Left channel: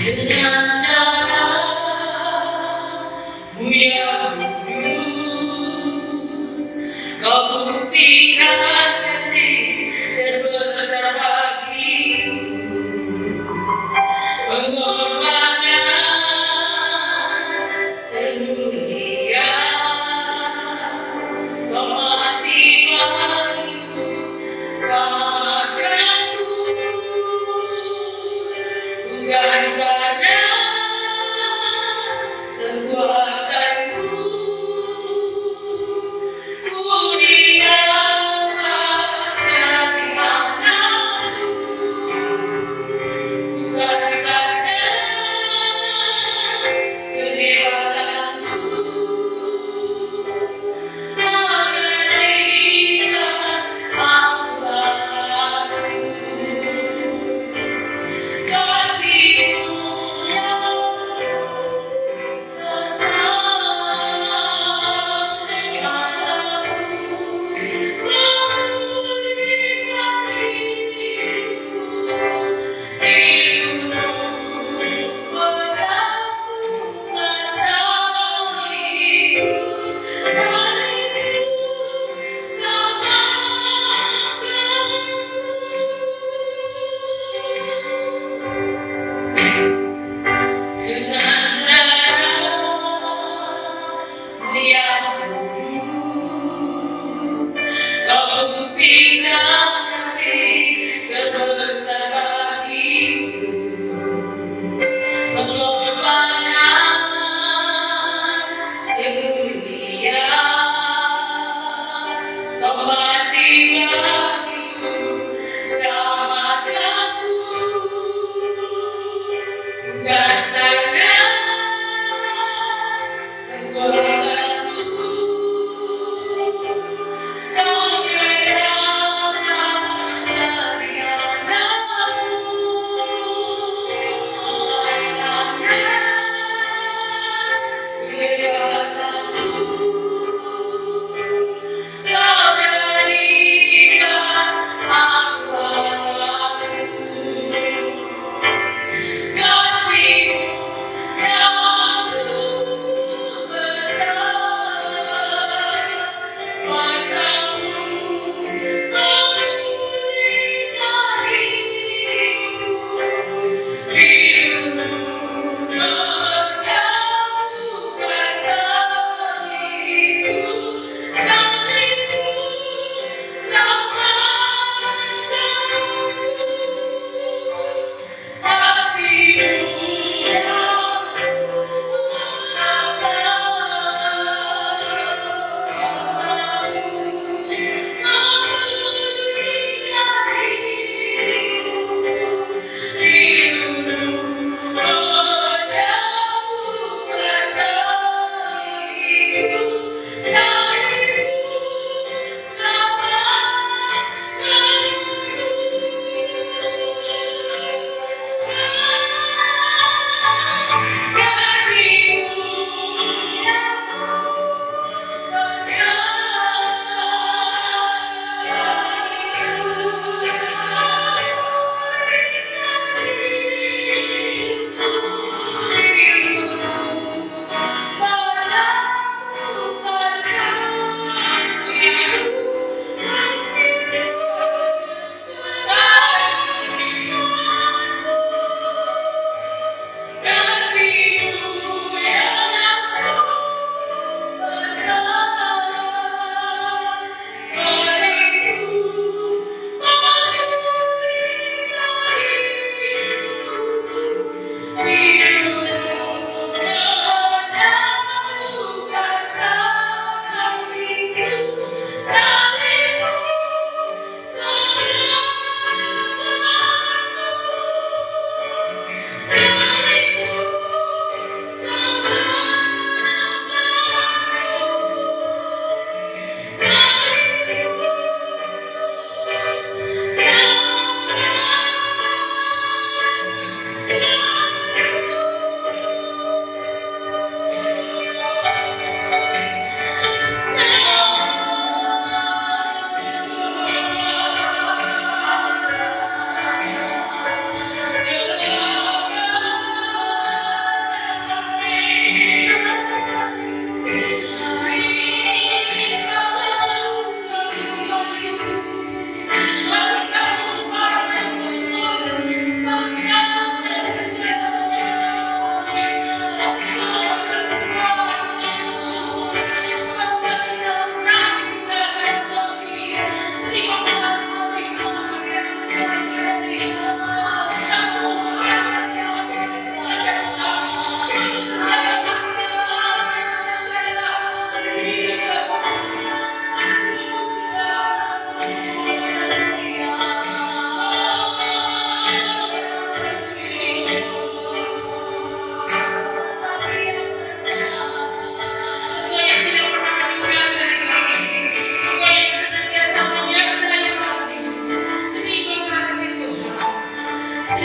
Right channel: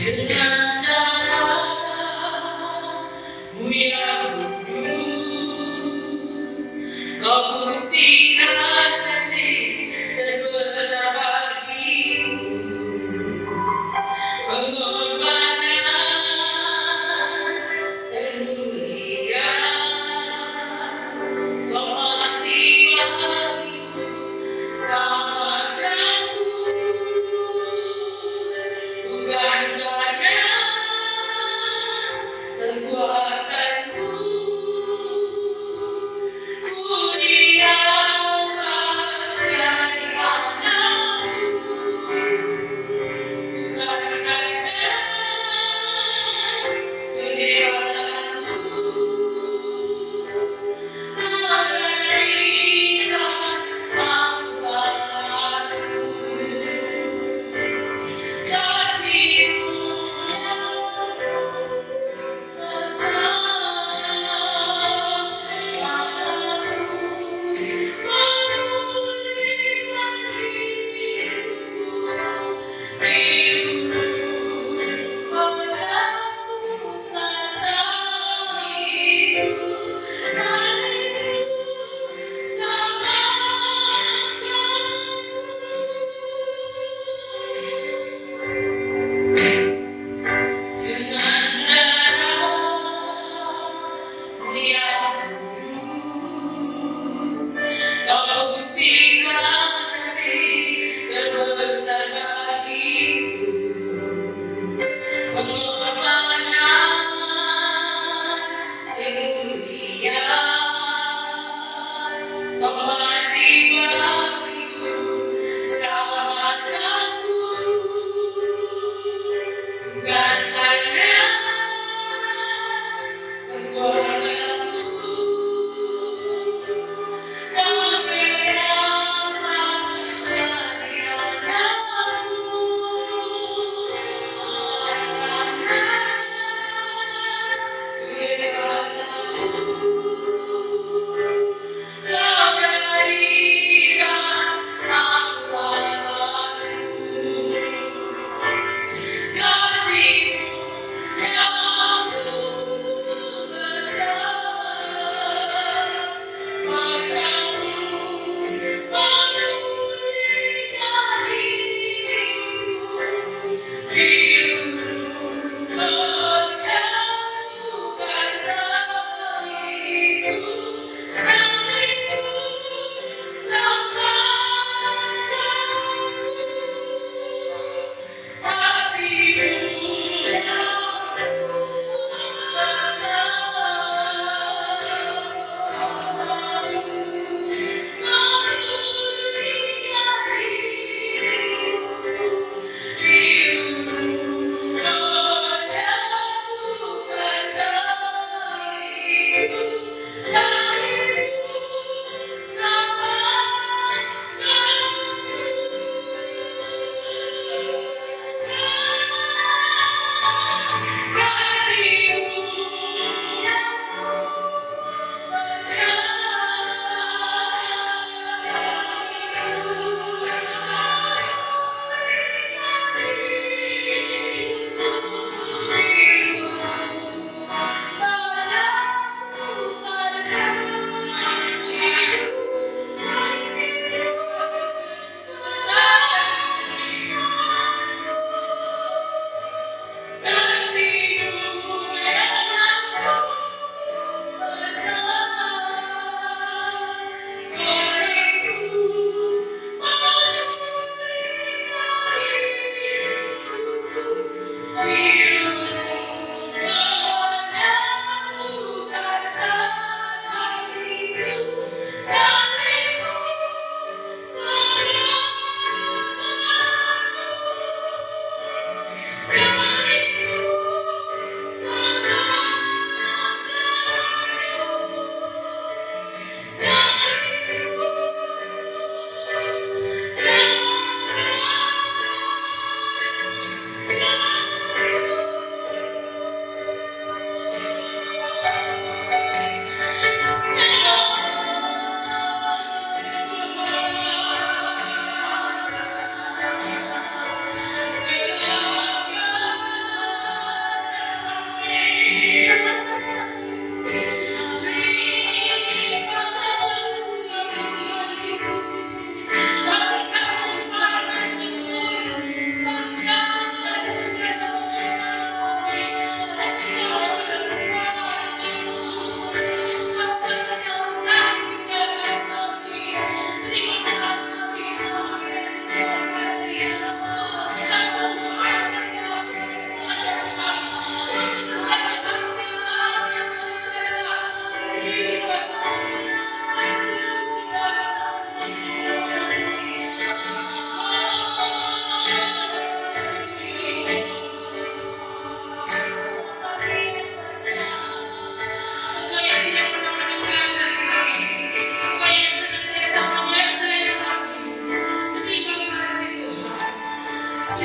Dengan namamu yang kudus, kau buktikan kasih dan besar bagimu. Pengorbanan termulia, kau mati bagiku, selamatkanku, bukan karena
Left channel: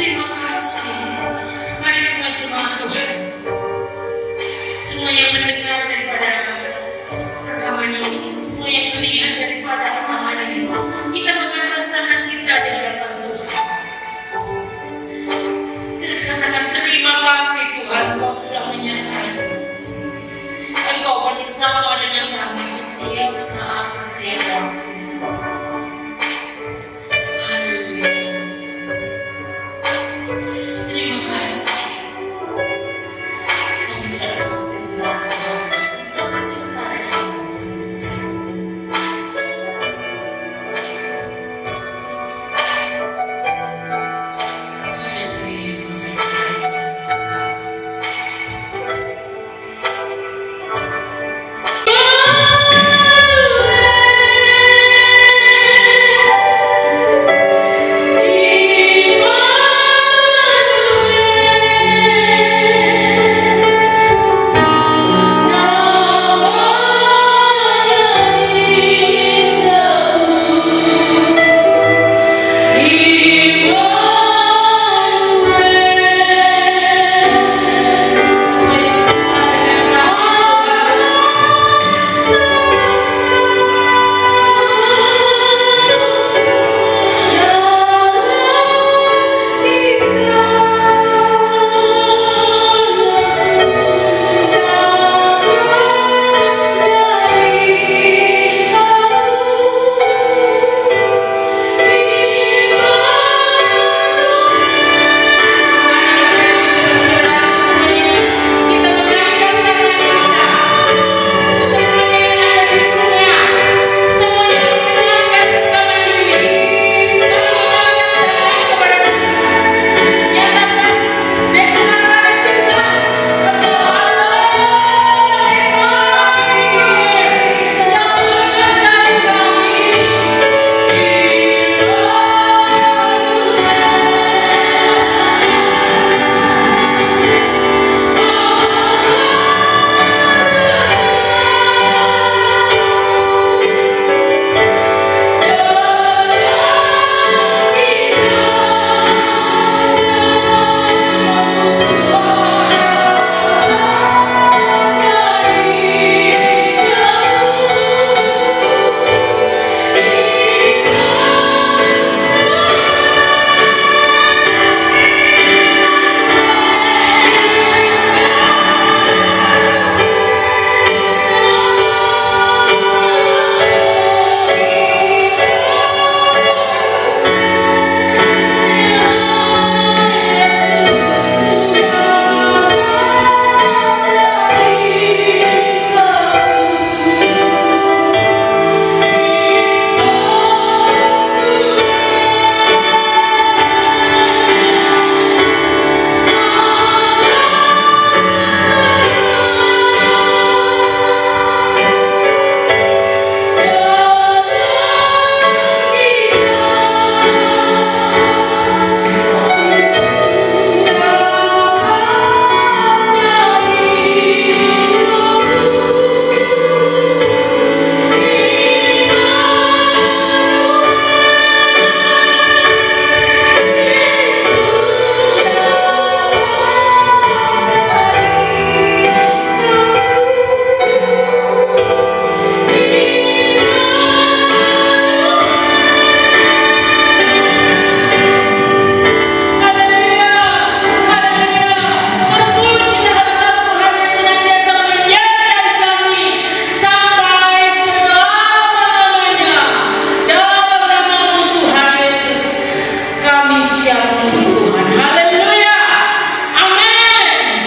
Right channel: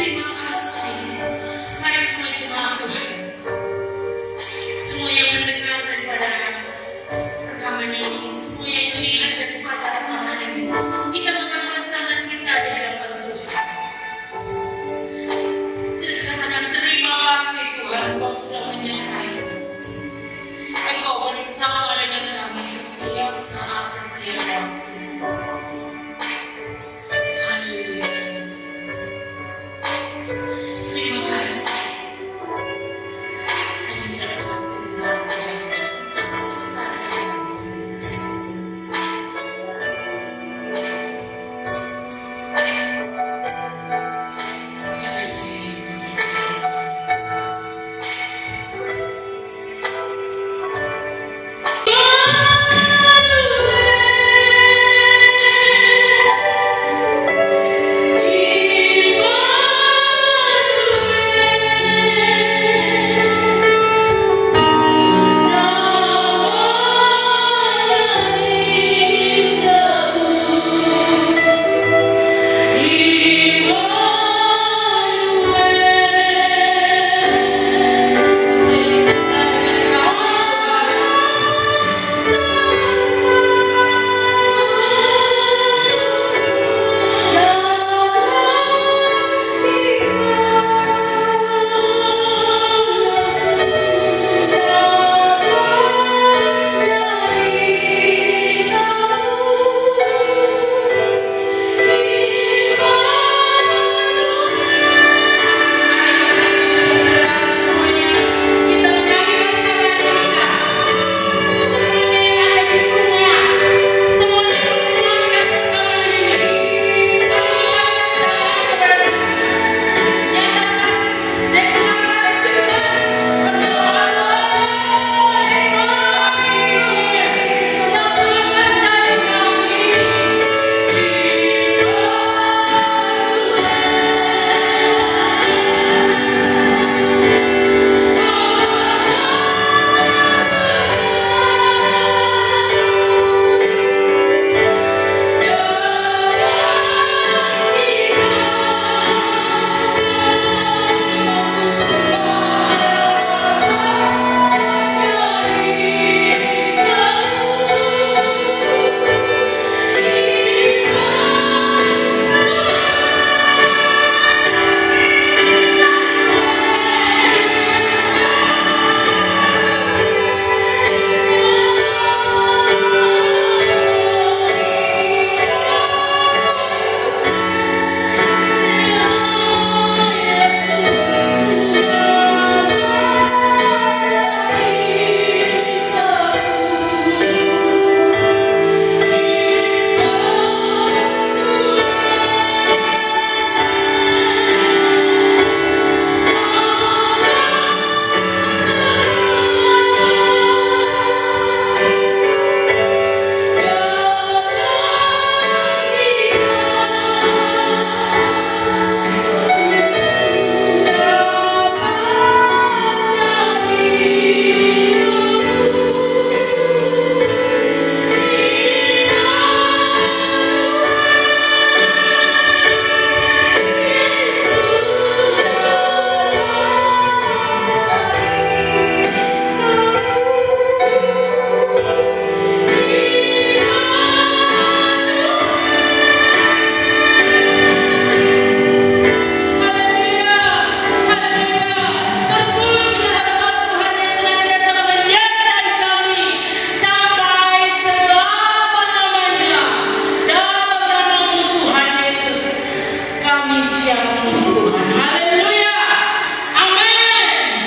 terima kasih. Mari semua jemaat Tuhan, semua yang mendengar daripada rekaman ini, semua yang melihat daripada rekaman ini, kita mengangkat tangan kita di hadapan Tuhan. Dan katakan terima kasih Tuhan, Engkau sudah menyertai. Engkau bersama dengan kami setiap saat, setiap waktu. Haleluya. Terima kasih. Kami tidak dapat mengenal Tuhan seperti Engkau serta dengan kami.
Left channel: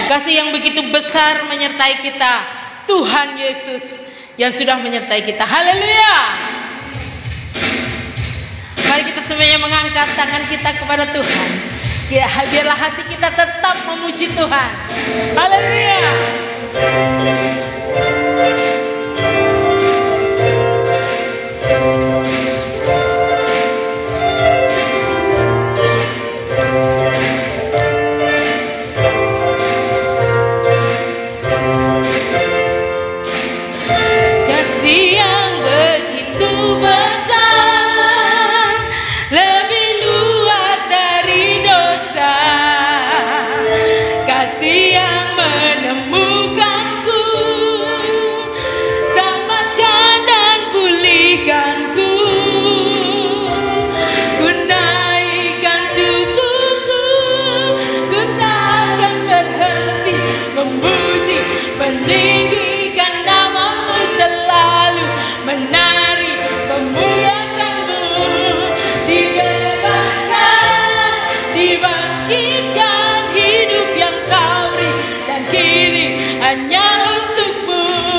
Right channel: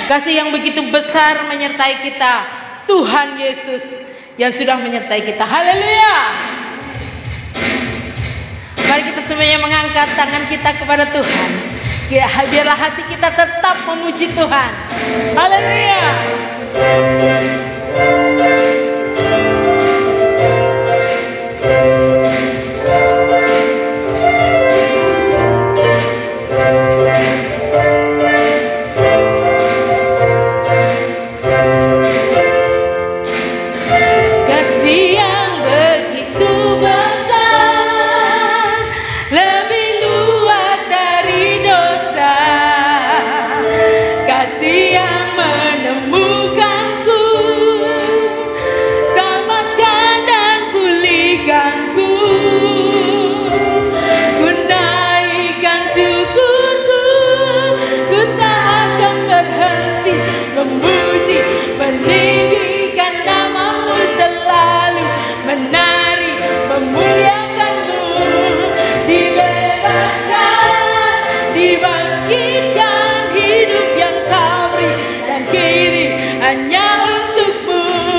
Kasih yang begitu besar menyertai kita, Tuhan Yesus yang sudah menyertai kita. Haleluya. Mari kita semuanya mengangkat tangan kita kepada Tuhan. Ya, biarlah hati kita tetap memuji Tuhan. Haleluya. Lebih luas dari dosa. hanya untukmu.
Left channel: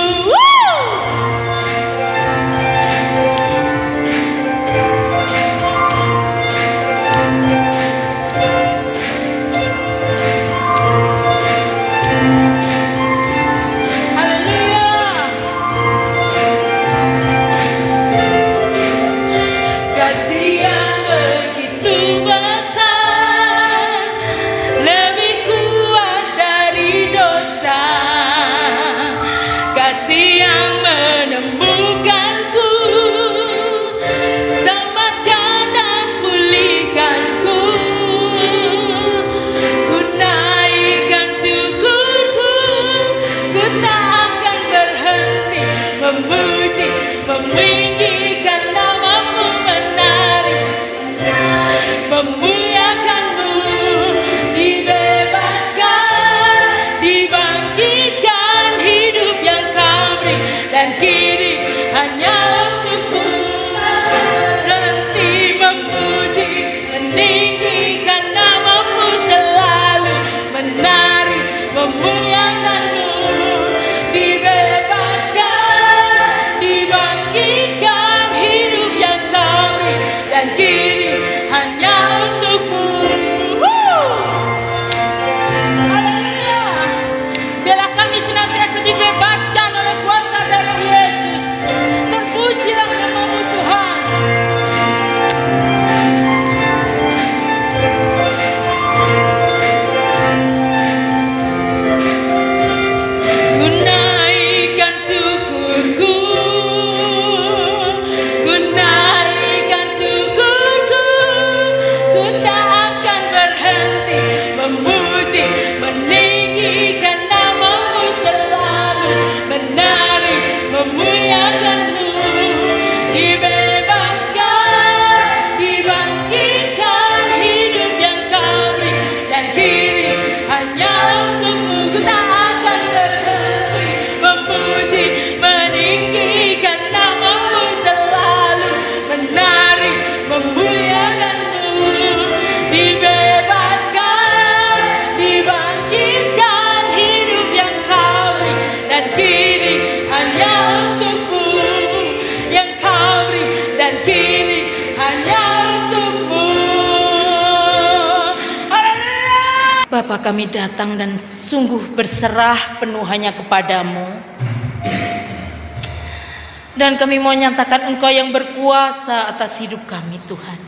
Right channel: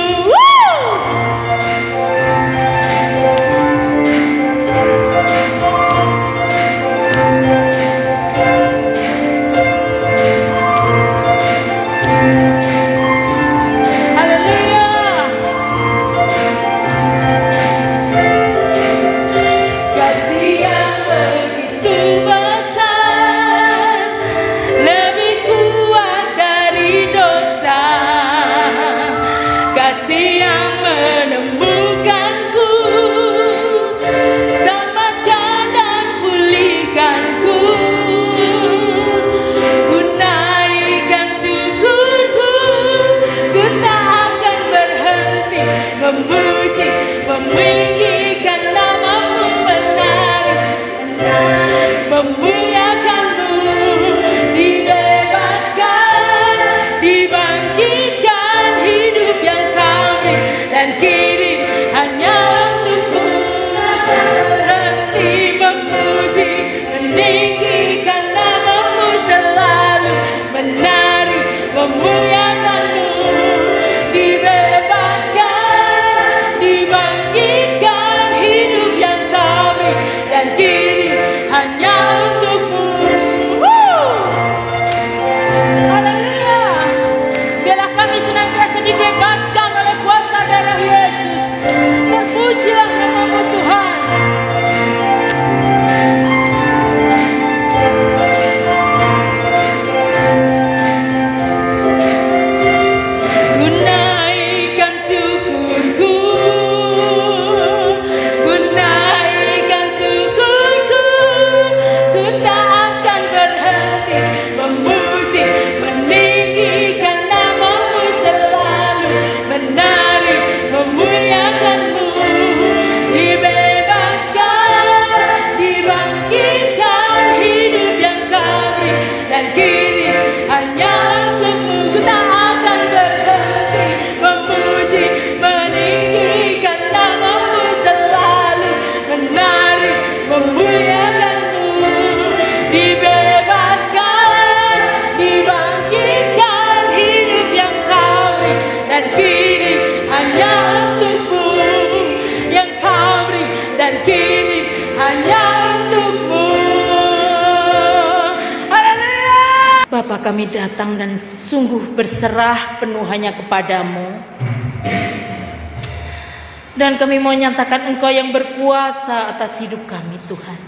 Bapa, kami datang dan sungguh berserah penuh hanya kepadamu. Dan kami mau nyatakan Engkau yang berkuasa atas hidup kami, Tuhan.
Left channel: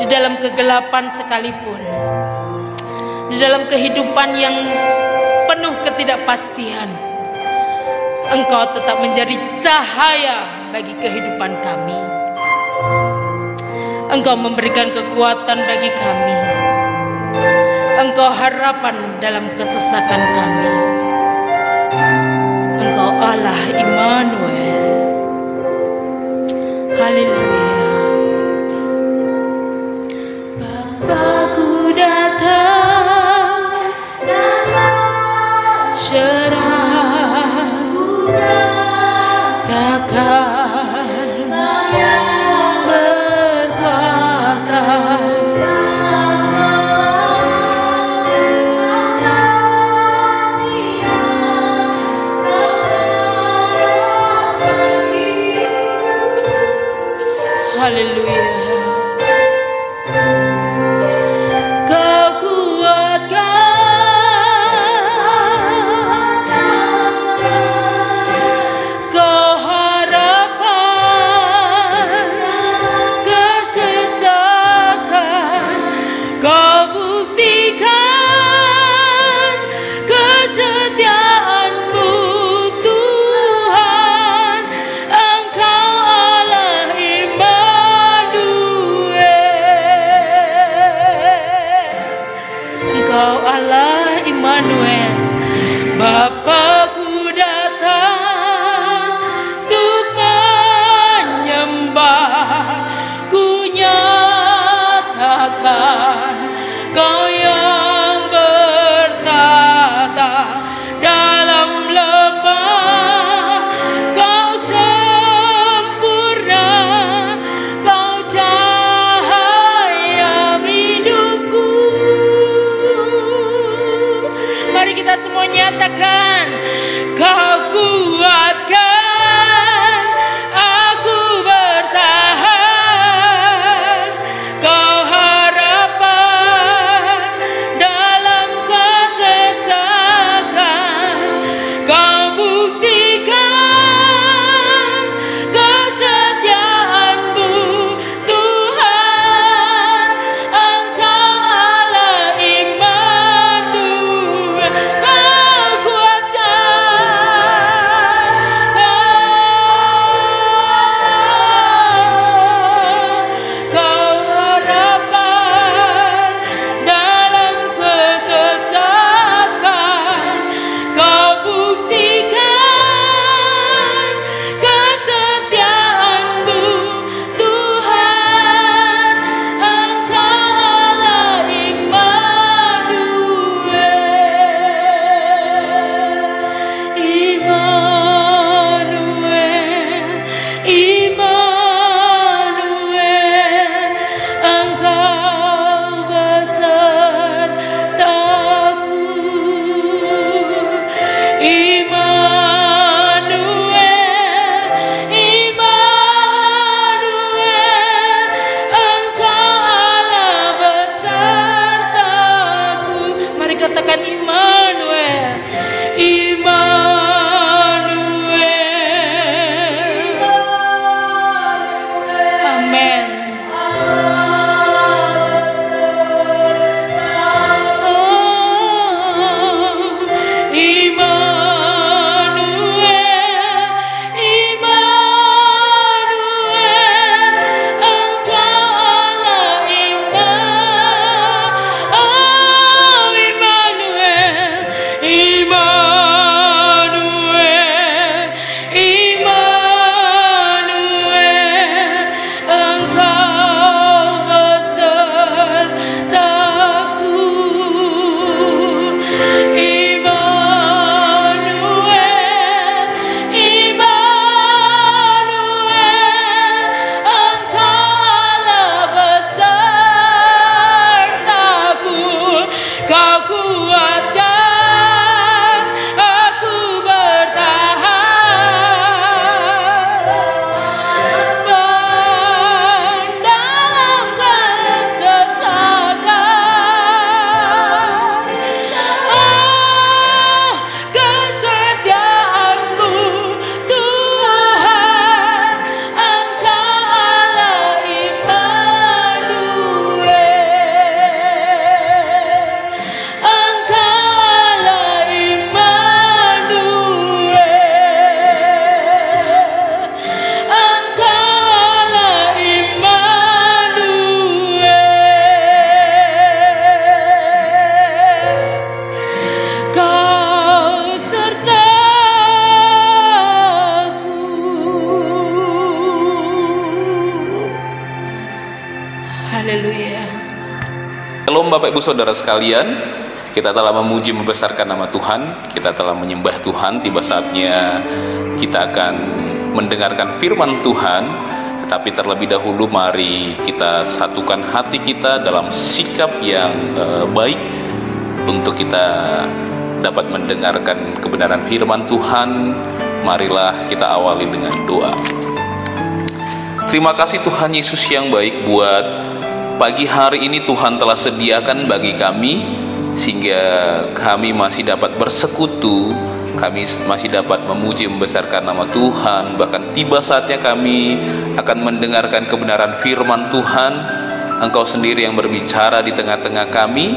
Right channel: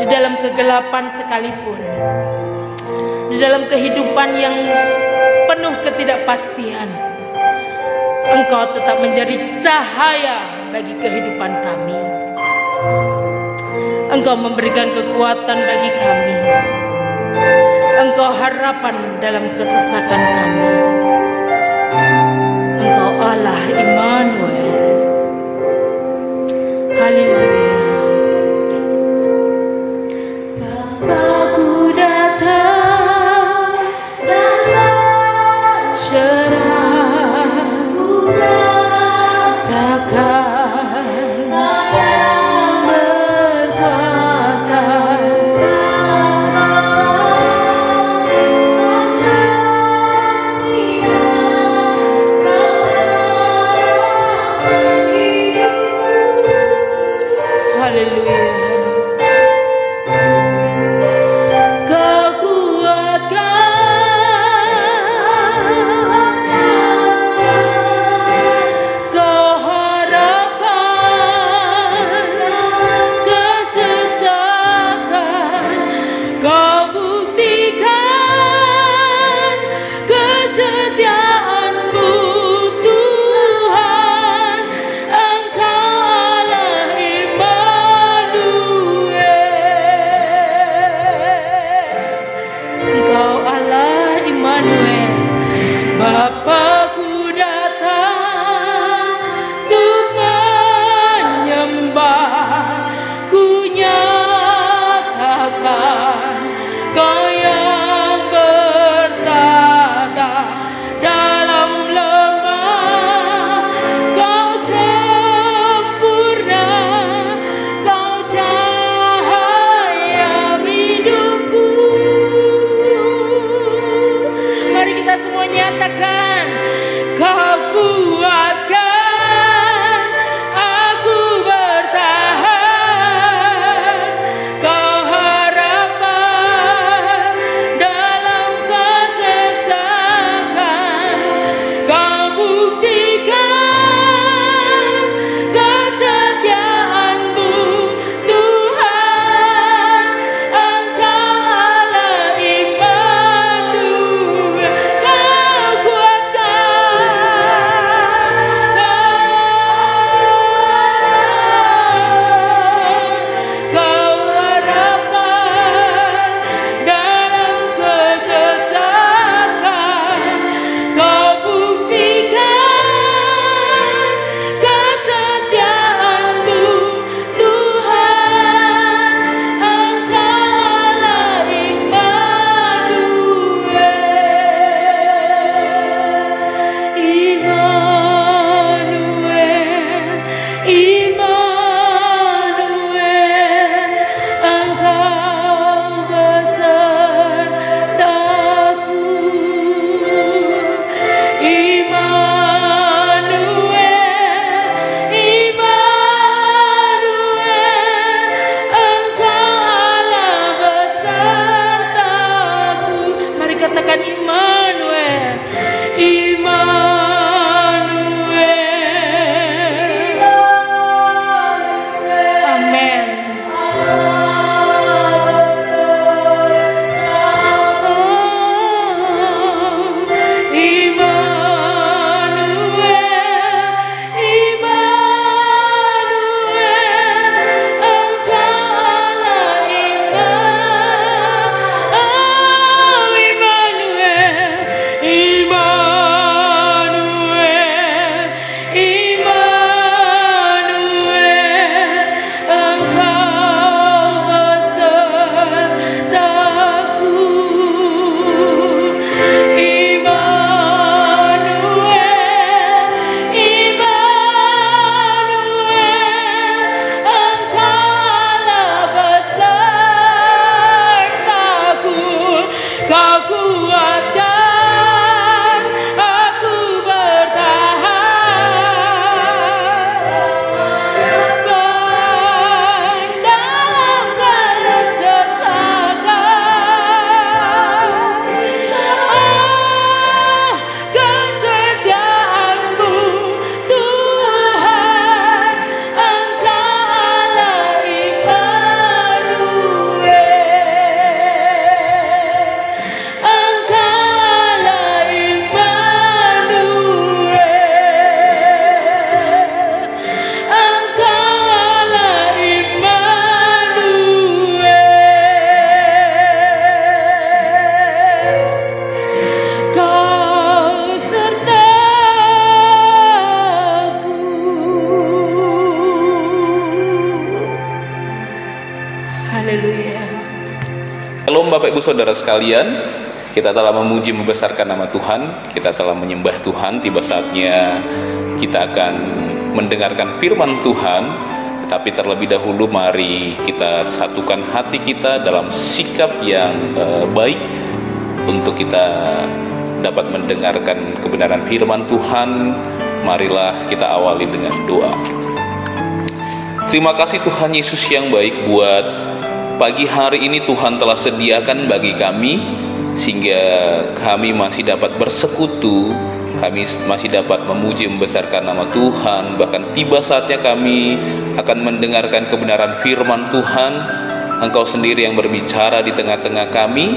Di dalam kegelapan sekalipun, di dalam kehidupan yang penuh ketidakpastian, Engkau tetap menjadi cahaya bagi kehidupan kami. Engkau memberikan kekuatan bagi kami. Engkau harapan dalam kesesakan kami. Engkau Allah Immanuel. Haleluya. Bapakku datang, serahku takkan Haleluya. Shalom Bapak Ibu Saudara sekalian, kita telah memuji membesarkan nama Tuhan, kita telah menyembah Tuhan. Tiba saatnya kita akan mendengarkan firman Tuhan. Tetapi terlebih dahulu mari kita satukan hati kita dalam sikap yang baik untuk kita dapat mendengarkan kebenaran firman Tuhan. Marilah kita awali dengan doa. Terima kasih Tuhan Yesus yang baik, buat pagi hari ini Tuhan telah sediakan bagi kami, sehingga kami masih dapat bersekutu, kami masih dapat memuji membesarkan nama Tuhan. Bahkan tiba saatnya kami akan mendengarkan kebenaran firman Tuhan. Engkau sendiri yang berbicara di tengah-tengah kami,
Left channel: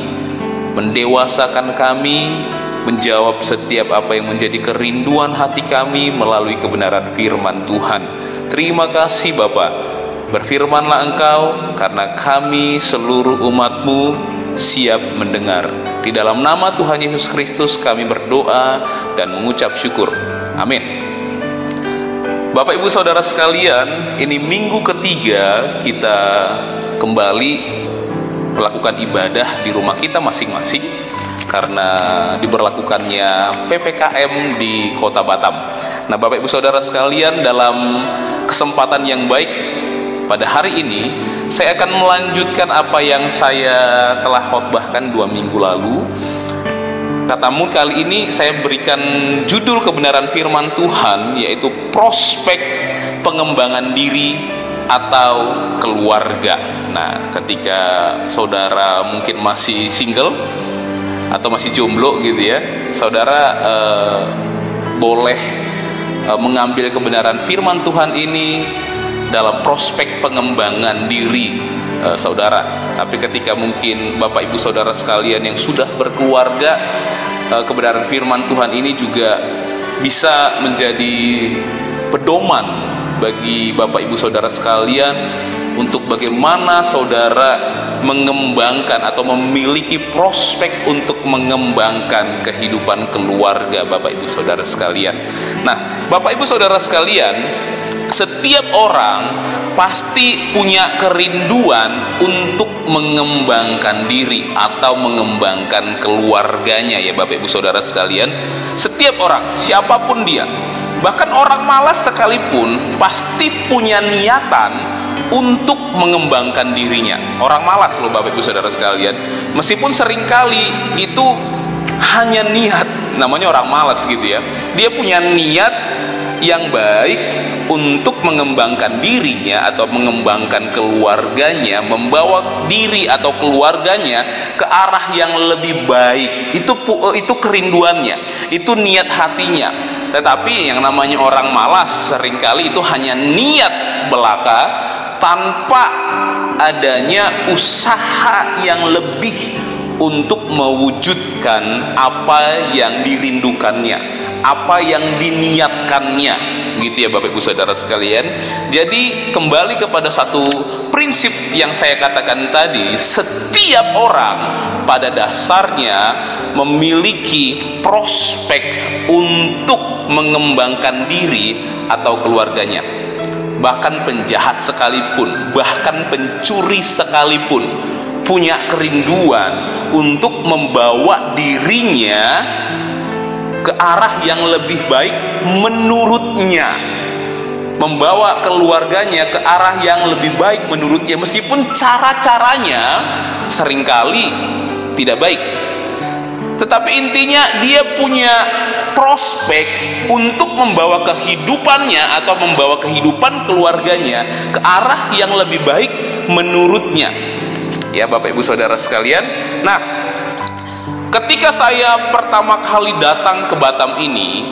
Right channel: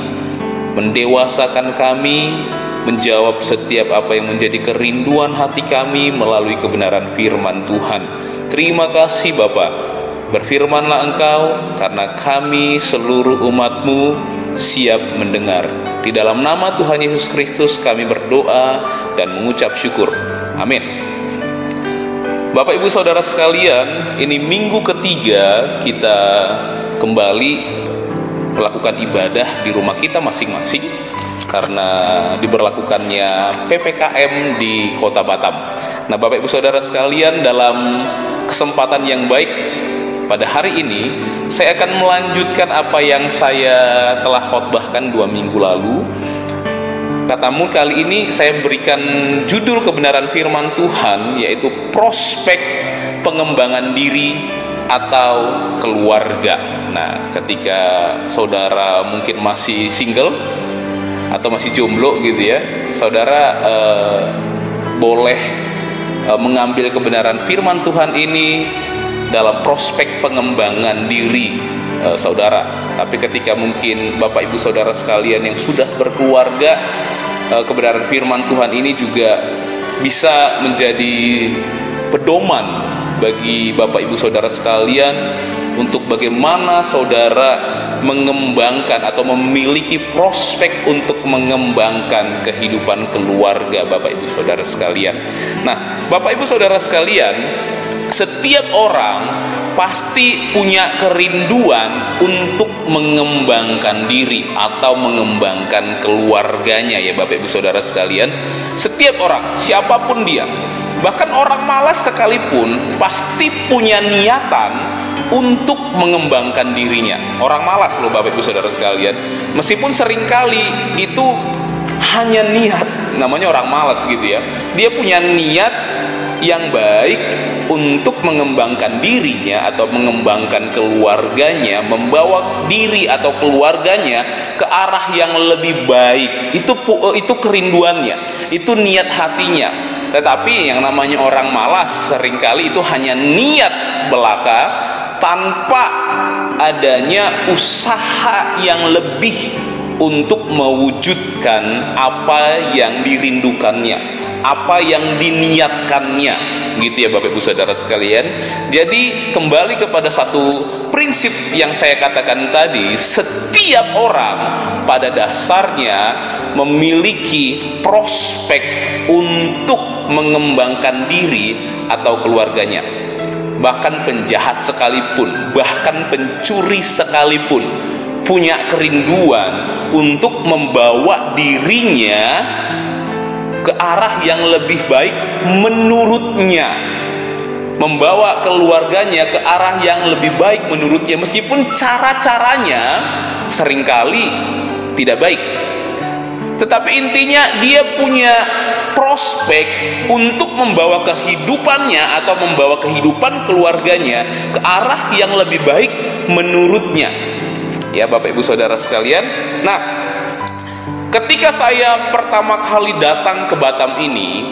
mendewasakan kami, menjawab setiap apa yang menjadi kerinduan hati kami melalui kebenaran firman Tuhan. Terima kasih Bapa. Berfirmanlah Engkau, karena kami seluruh umat-Mu siap mendengar. Di dalam nama Tuhan Yesus Kristus kami berdoa dan mengucap syukur. Amin. Bapak Ibu Saudara sekalian, ini minggu ketiga kita kembali melakukan ibadah di rumah kita masing-masing karena diberlakukannya PPKM di Kota Batam. Nah, Bapak Ibu Saudara sekalian, dalam kesempatan yang baik pada hari ini saya akan melanjutkan apa yang saya telah khotbahkan 2 minggu lalu. Namun kali ini saya berikan judul kebenaran firman Tuhan, yaitu prospek pengembangan diri atau keluarga. Nah, ketika saudara mungkin masih single atau masih jomblo gitu ya, saudara boleh mengambil kebenaran firman Tuhan ini dalam prospek pengembangan diri saudara. Tapi ketika mungkin Bapak Ibu Saudara sekalian yang sudah berkeluarga, kebenaran firman Tuhan ini juga bisa menjadi pedoman bagi Bapak Ibu Saudara sekalian untuk bagaimana saudara mengembangkan atau memiliki prospek untuk mengembangkan kehidupan keluarga Bapak Ibu Saudara sekalian. Nah, Bapak Ibu Saudara sekalian, setiap orang pasti punya kerinduan untuk mengembangkan diri atau mengembangkan keluarganya ya Bapak Ibu Saudara sekalian. Setiap orang, siapapun dia, bahkan orang malas sekalipun pasti punya niatan untuk mengembangkan dirinya. Orang malas loh Bapak Ibu Saudara sekalian, meskipun seringkali itu hanya niat, namanya orang malas gitu ya, dia punya niat yang baik untuk mengembangkan dirinya atau mengembangkan keluarganya, membawa diri atau keluarganya ke arah yang lebih baik. Itu kerinduannya, itu niat hatinya. Tetapi yang namanya orang malas seringkali itu hanya niat belaka tanpa adanya usaha yang lebih untuk mewujudkan apa yang dirindukannya, apa yang diniatkannya, gitu ya Bapak Ibu Saudara sekalian. Jadi kembali kepada satu prinsip yang saya katakan tadi, setiap orang pada dasarnya memiliki prospek untuk mengembangkan diri atau keluarganya. Bahkan penjahat sekalipun, bahkan pencuri sekalipun punya kerinduan untuk membawa dirinya ke arah yang lebih baik menurutnya, membawa keluarganya ke arah yang lebih baik menurutnya, meskipun cara-caranya seringkali tidak baik. Tetapi intinya dia punya prospek untuk membawa kehidupannya atau membawa kehidupan keluarganya ke arah yang lebih baik menurutnya. Ya Bapak Ibu Saudara sekalian. Nah, ketika saya pertama kali datang ke Batam ini,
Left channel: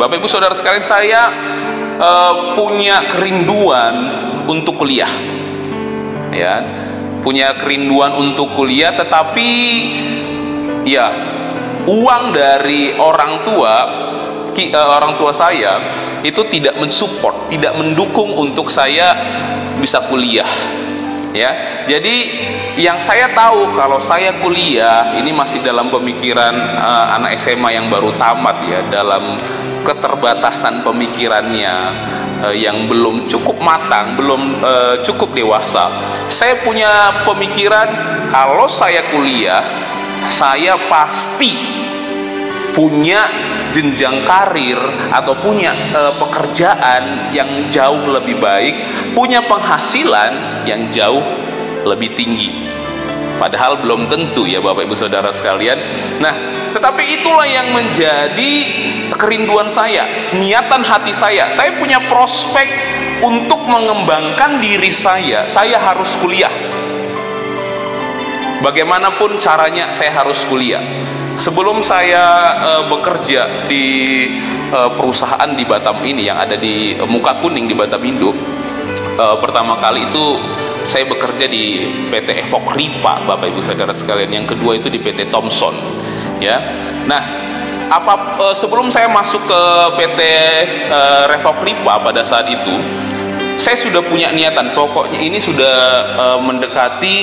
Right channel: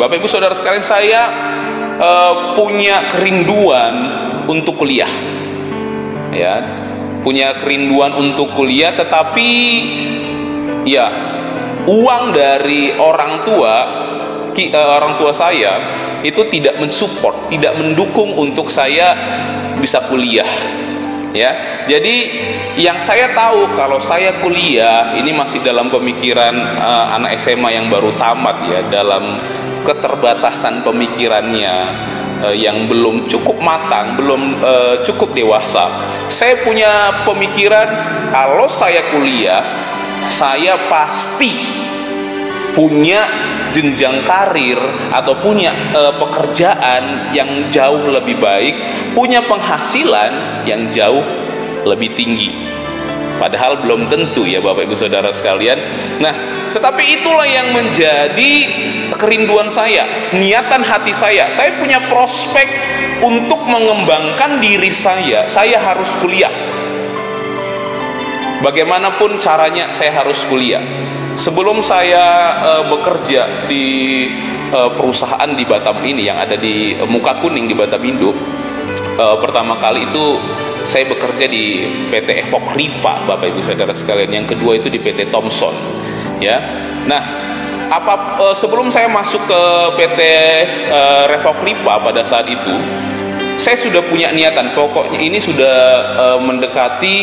Bapak Ibu Saudara sekalian, saya punya kerinduan untuk kuliah. Ya, punya kerinduan untuk kuliah, tetapi ya uang dari orang tua saya itu tidak mensupport, tidak mendukung untuk saya bisa kuliah. Ya, jadi yang saya tahu kalau saya kuliah ini masih dalam pemikiran anak SMA yang baru tamat ya, dalam keterbatasan pemikirannya, yang belum cukup matang, belum cukup dewasa. Saya punya pemikiran kalau saya kuliah, saya pasti punya jenjang karir atau punya pekerjaan yang jauh lebih baik, punya penghasilan yang jauh lebih tinggi. Padahal belum tentu ya Bapak Ibu Saudara sekalian. Nah, tetapi itulah yang menjadi kerinduan saya, niatan hati saya. Saya punya prospek untuk mengembangkan diri saya harus kuliah. Bagaimanapun caranya saya harus kuliah. Sebelum saya bekerja di perusahaan di Batam ini yang ada di Muka Kuning di Batam Induk, pertama kali itu saya bekerja di PT Evok Ripa, Bapak Ibu Saudara sekalian. Yang kedua itu di PT Thomson, ya. Nah, sebelum saya masuk ke PT Evok Ripa pada saat itu, saya sudah punya niatan. Pokoknya ini sudah mendekati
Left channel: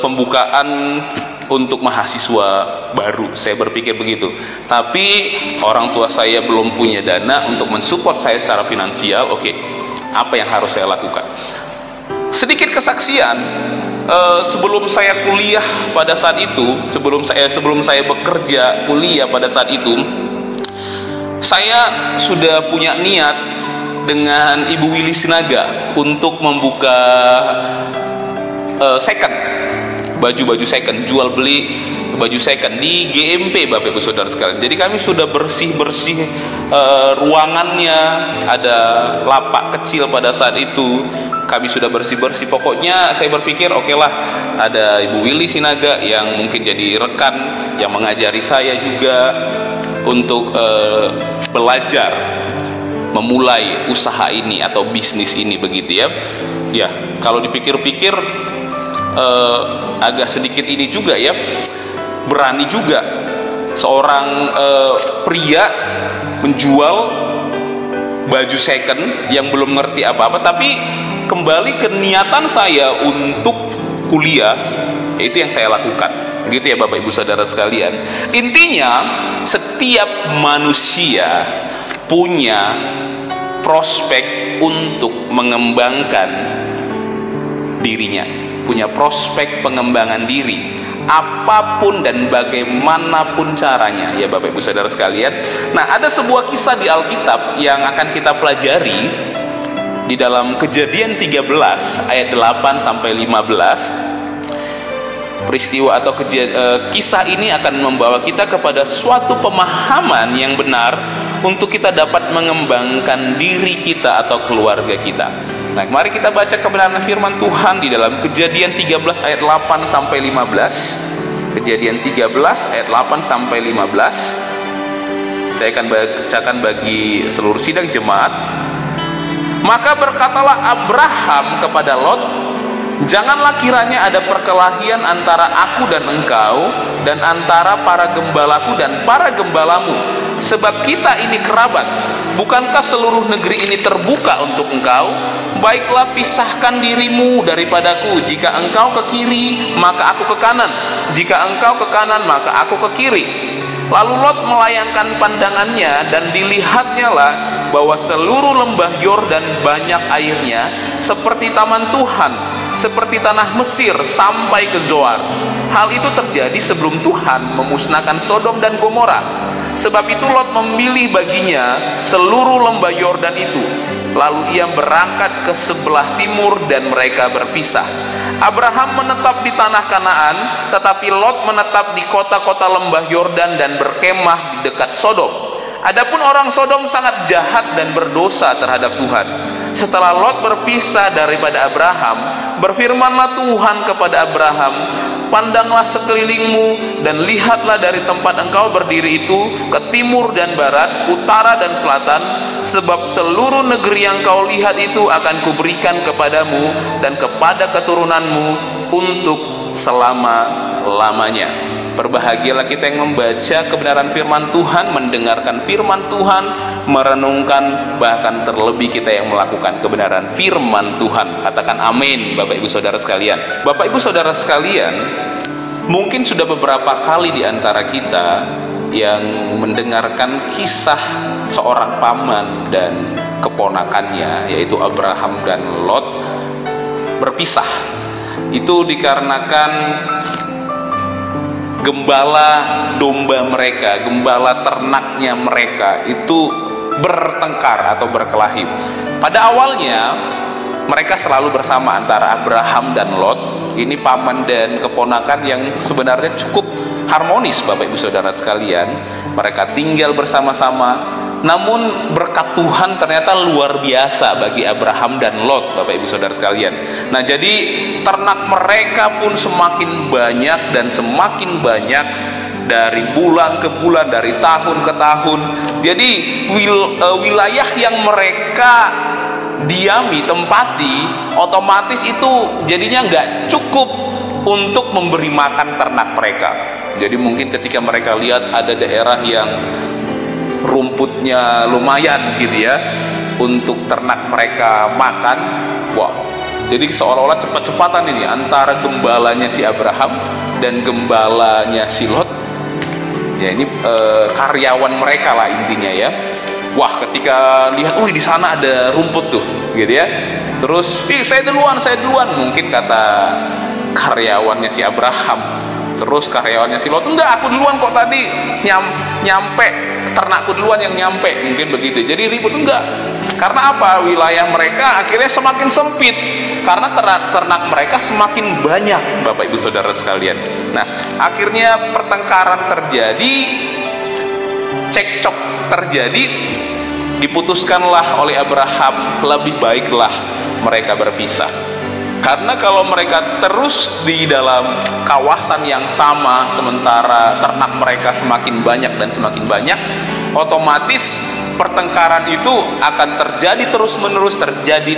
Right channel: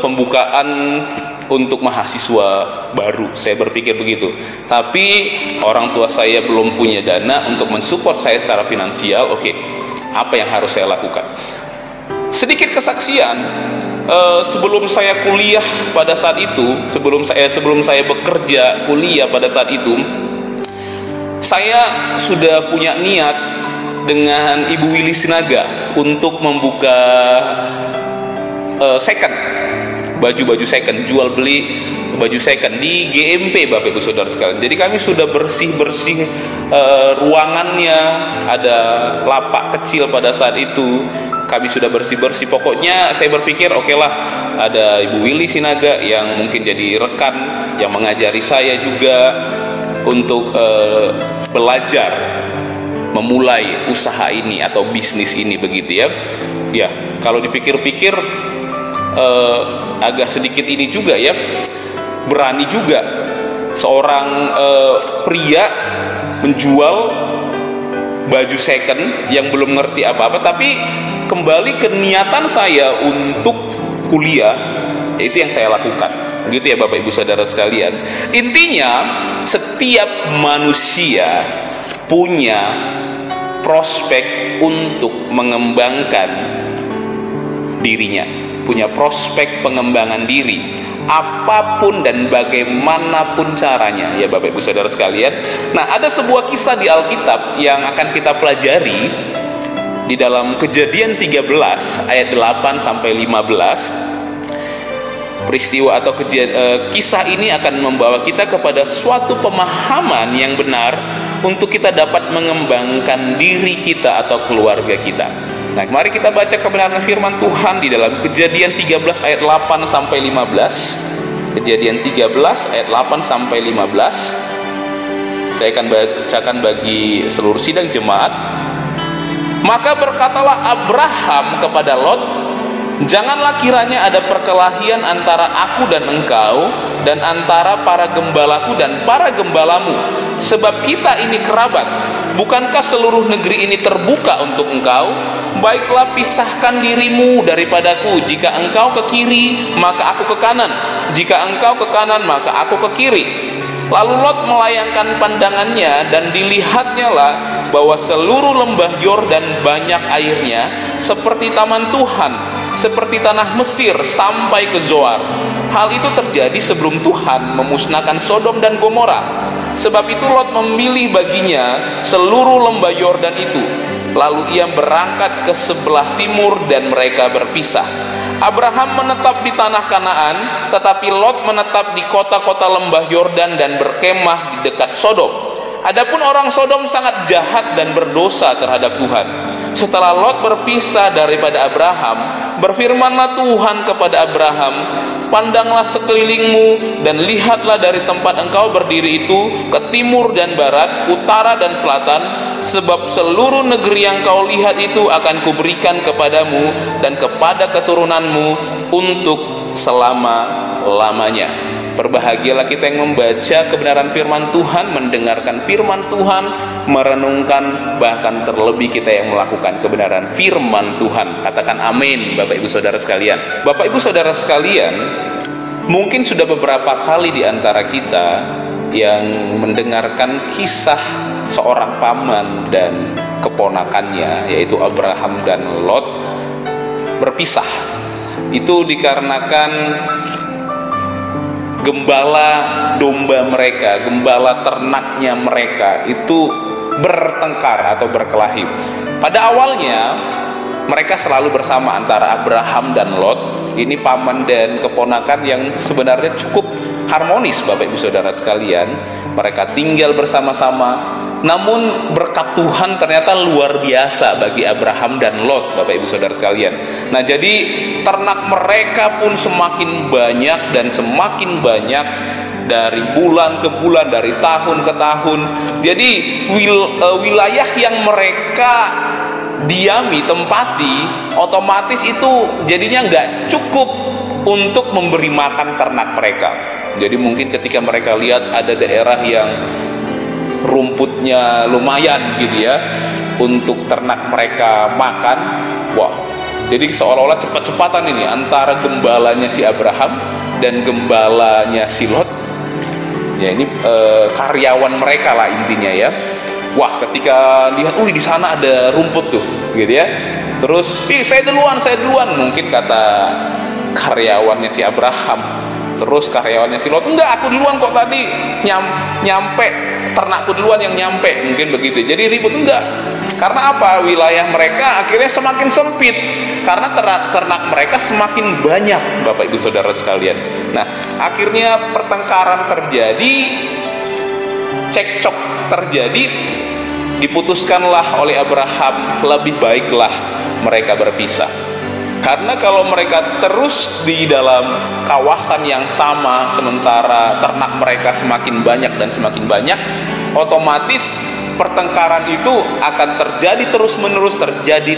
pembukaan untuk mahasiswa baru. Saya berpikir begitu. Tapi orang tua saya belum punya dana untuk mensupport saya secara finansial. Oke, apa yang harus saya lakukan? Sedikit kesaksian, sebelum saya kuliah pada saat itu, sebelum saya bekerja kuliah pada saat itu, saya sudah punya niat dengan Ibu Willy Sinaga untuk membuka second, baju-baju second, jual beli baju second di GMP, Bapak Ibu Saudara sekalian. Jadi kami sudah bersih-bersih ruangannya, ada lapak kecil pada saat itu. Kami sudah bersih-bersih. Pokoknya saya berpikir oke lah, ada Ibu Willy Sinaga yang mungkin jadi rekan yang mengajari saya juga untuk belajar memulai usaha ini atau bisnis ini, begitu ya. Ya, kalau dipikir-pikir agak sedikit ini juga ya, berani juga seorang pria menjual baju second yang belum ngerti apa-apa, tapi kembali ke niatan saya untuk kuliah, itu yang saya lakukan, gitu ya Bapak Ibu Saudara sekalian. Intinya setiap manusia punya prospek untuk mengembangkan dirinya, punya prospek pengembangan diri, apapun dan bagaimanapun caranya ya Bapak Ibu Saudara sekalian. Nah, ada sebuah kisah di Alkitab yang akan kita pelajari di dalam Kejadian 13 ayat 8 sampai 15. Peristiwa atau kisah ini akan membawa kita kepada suatu pemahaman yang benar untuk kita dapat mengembangkan diri kita atau keluarga kita. Nah, mari kita baca kebenaran firman Tuhan di dalam Kejadian 13 ayat 8 sampai 15. Kejadian 13 ayat 8 sampai 15. Saya akan bacakan bagi seluruh sidang jemaat. Maka berkatalah Abraham kepada Lot, janganlah kiranya ada perkelahian antara aku dan engkau, dan antara para gembalaku dan para gembalamu, sebab kita ini kerabat. Bukankah seluruh negeri ini terbuka untuk engkau? Baiklah, pisahkan dirimu daripadaku. Jika engkau ke kiri, maka aku ke kanan. Jika engkau ke kanan, maka aku ke kiri. Lalu Lot melayangkan pandangannya, dan dilihatnya lah bahwa seluruh lembah Yordan banyak airnya, seperti taman Tuhan, seperti tanah Mesir sampai ke Zoar. Hal itu terjadi sebelum Tuhan memusnahkan Sodom dan Gomora. Sebab itu Lot memilih baginya seluruh lembah Yordan itu. Lalu ia berangkat ke sebelah timur dan mereka berpisah. Abraham menetap di tanah Kanaan, tetapi Lot menetap di kota-kota lembah Yordan dan berkemah di dekat Sodom. Adapun orang Sodom sangat jahat dan berdosa terhadap Tuhan. Setelah Lot berpisah daripada Abraham, berfirmanlah Tuhan kepada Abraham, pandanglah sekelilingmu dan lihatlah dari tempat engkau berdiri itu ke timur dan barat, utara dan selatan, sebab seluruh negeri yang kau lihat itu akan kuberikan kepadamu dan kepada keturunanmu untuk selama-lamanya. Berbahagialah kita yang membaca kebenaran firman Tuhan, mendengarkan firman Tuhan, merenungkan, bahkan terlebih kita yang melakukan kebenaran firman Tuhan. Katakan amin, Bapak Ibu Saudara sekalian. Bapak Ibu Saudara sekalian, mungkin sudah beberapa kali di antara kita yang mendengarkan kisah seorang paman dan keponakannya, yaitu Abraham dan Lot, berpisah. Itu dikarenakan gembala domba mereka, gembala ternaknya mereka itu bertengkar atau berkelahi. Pada awalnya mereka selalu bersama antara Abraham dan Lot. Ini paman dan keponakan yang sebenarnya cukup harmonis, Bapak Ibu Saudara sekalian. Mereka tinggal bersama-sama. Namun berkat Tuhan ternyata luar biasa bagi Abraham dan Lot, Bapak Ibu Saudara sekalian. Nah, jadi ternak mereka pun semakin banyak dan semakin banyak dari bulan ke bulan, dari tahun ke tahun. Jadi wilayah yang mereka diami, tempati, otomatis itu jadinya nggak cukup untuk memberi makan ternak mereka. Jadi mungkin ketika mereka lihat ada daerah yang rumputnya lumayan gitu ya untuk ternak mereka makan, wah, jadi seolah-olah cepat-cepatan ini antara gembalanya si Abraham dan gembalanya si Lot. Ya, ini karyawan mereka lah intinya ya. Wah, ketika lihat, di sana ada rumput tuh, gitu ya. Terus, saya duluan, mungkin kata karyawannya si Abraham. Terus karyawannya si Lot, enggak, aku duluan kok tadi nyampe, ternakku duluan yang nyampe, mungkin begitu. Jadi ribut, enggak. Karena apa? Wilayah mereka akhirnya semakin sempit. Karena ternak mereka semakin banyak, Bapak Ibu Saudara sekalian. Nah, akhirnya pertengkaran terjadi, cekcok terjadi, diputuskanlah oleh Abraham, lebih baiklah mereka berpisah. Karena kalau mereka terus di dalam kawasan yang sama, sementara ternak mereka semakin banyak dan semakin banyak, otomatis pertengkaran itu akan terjadi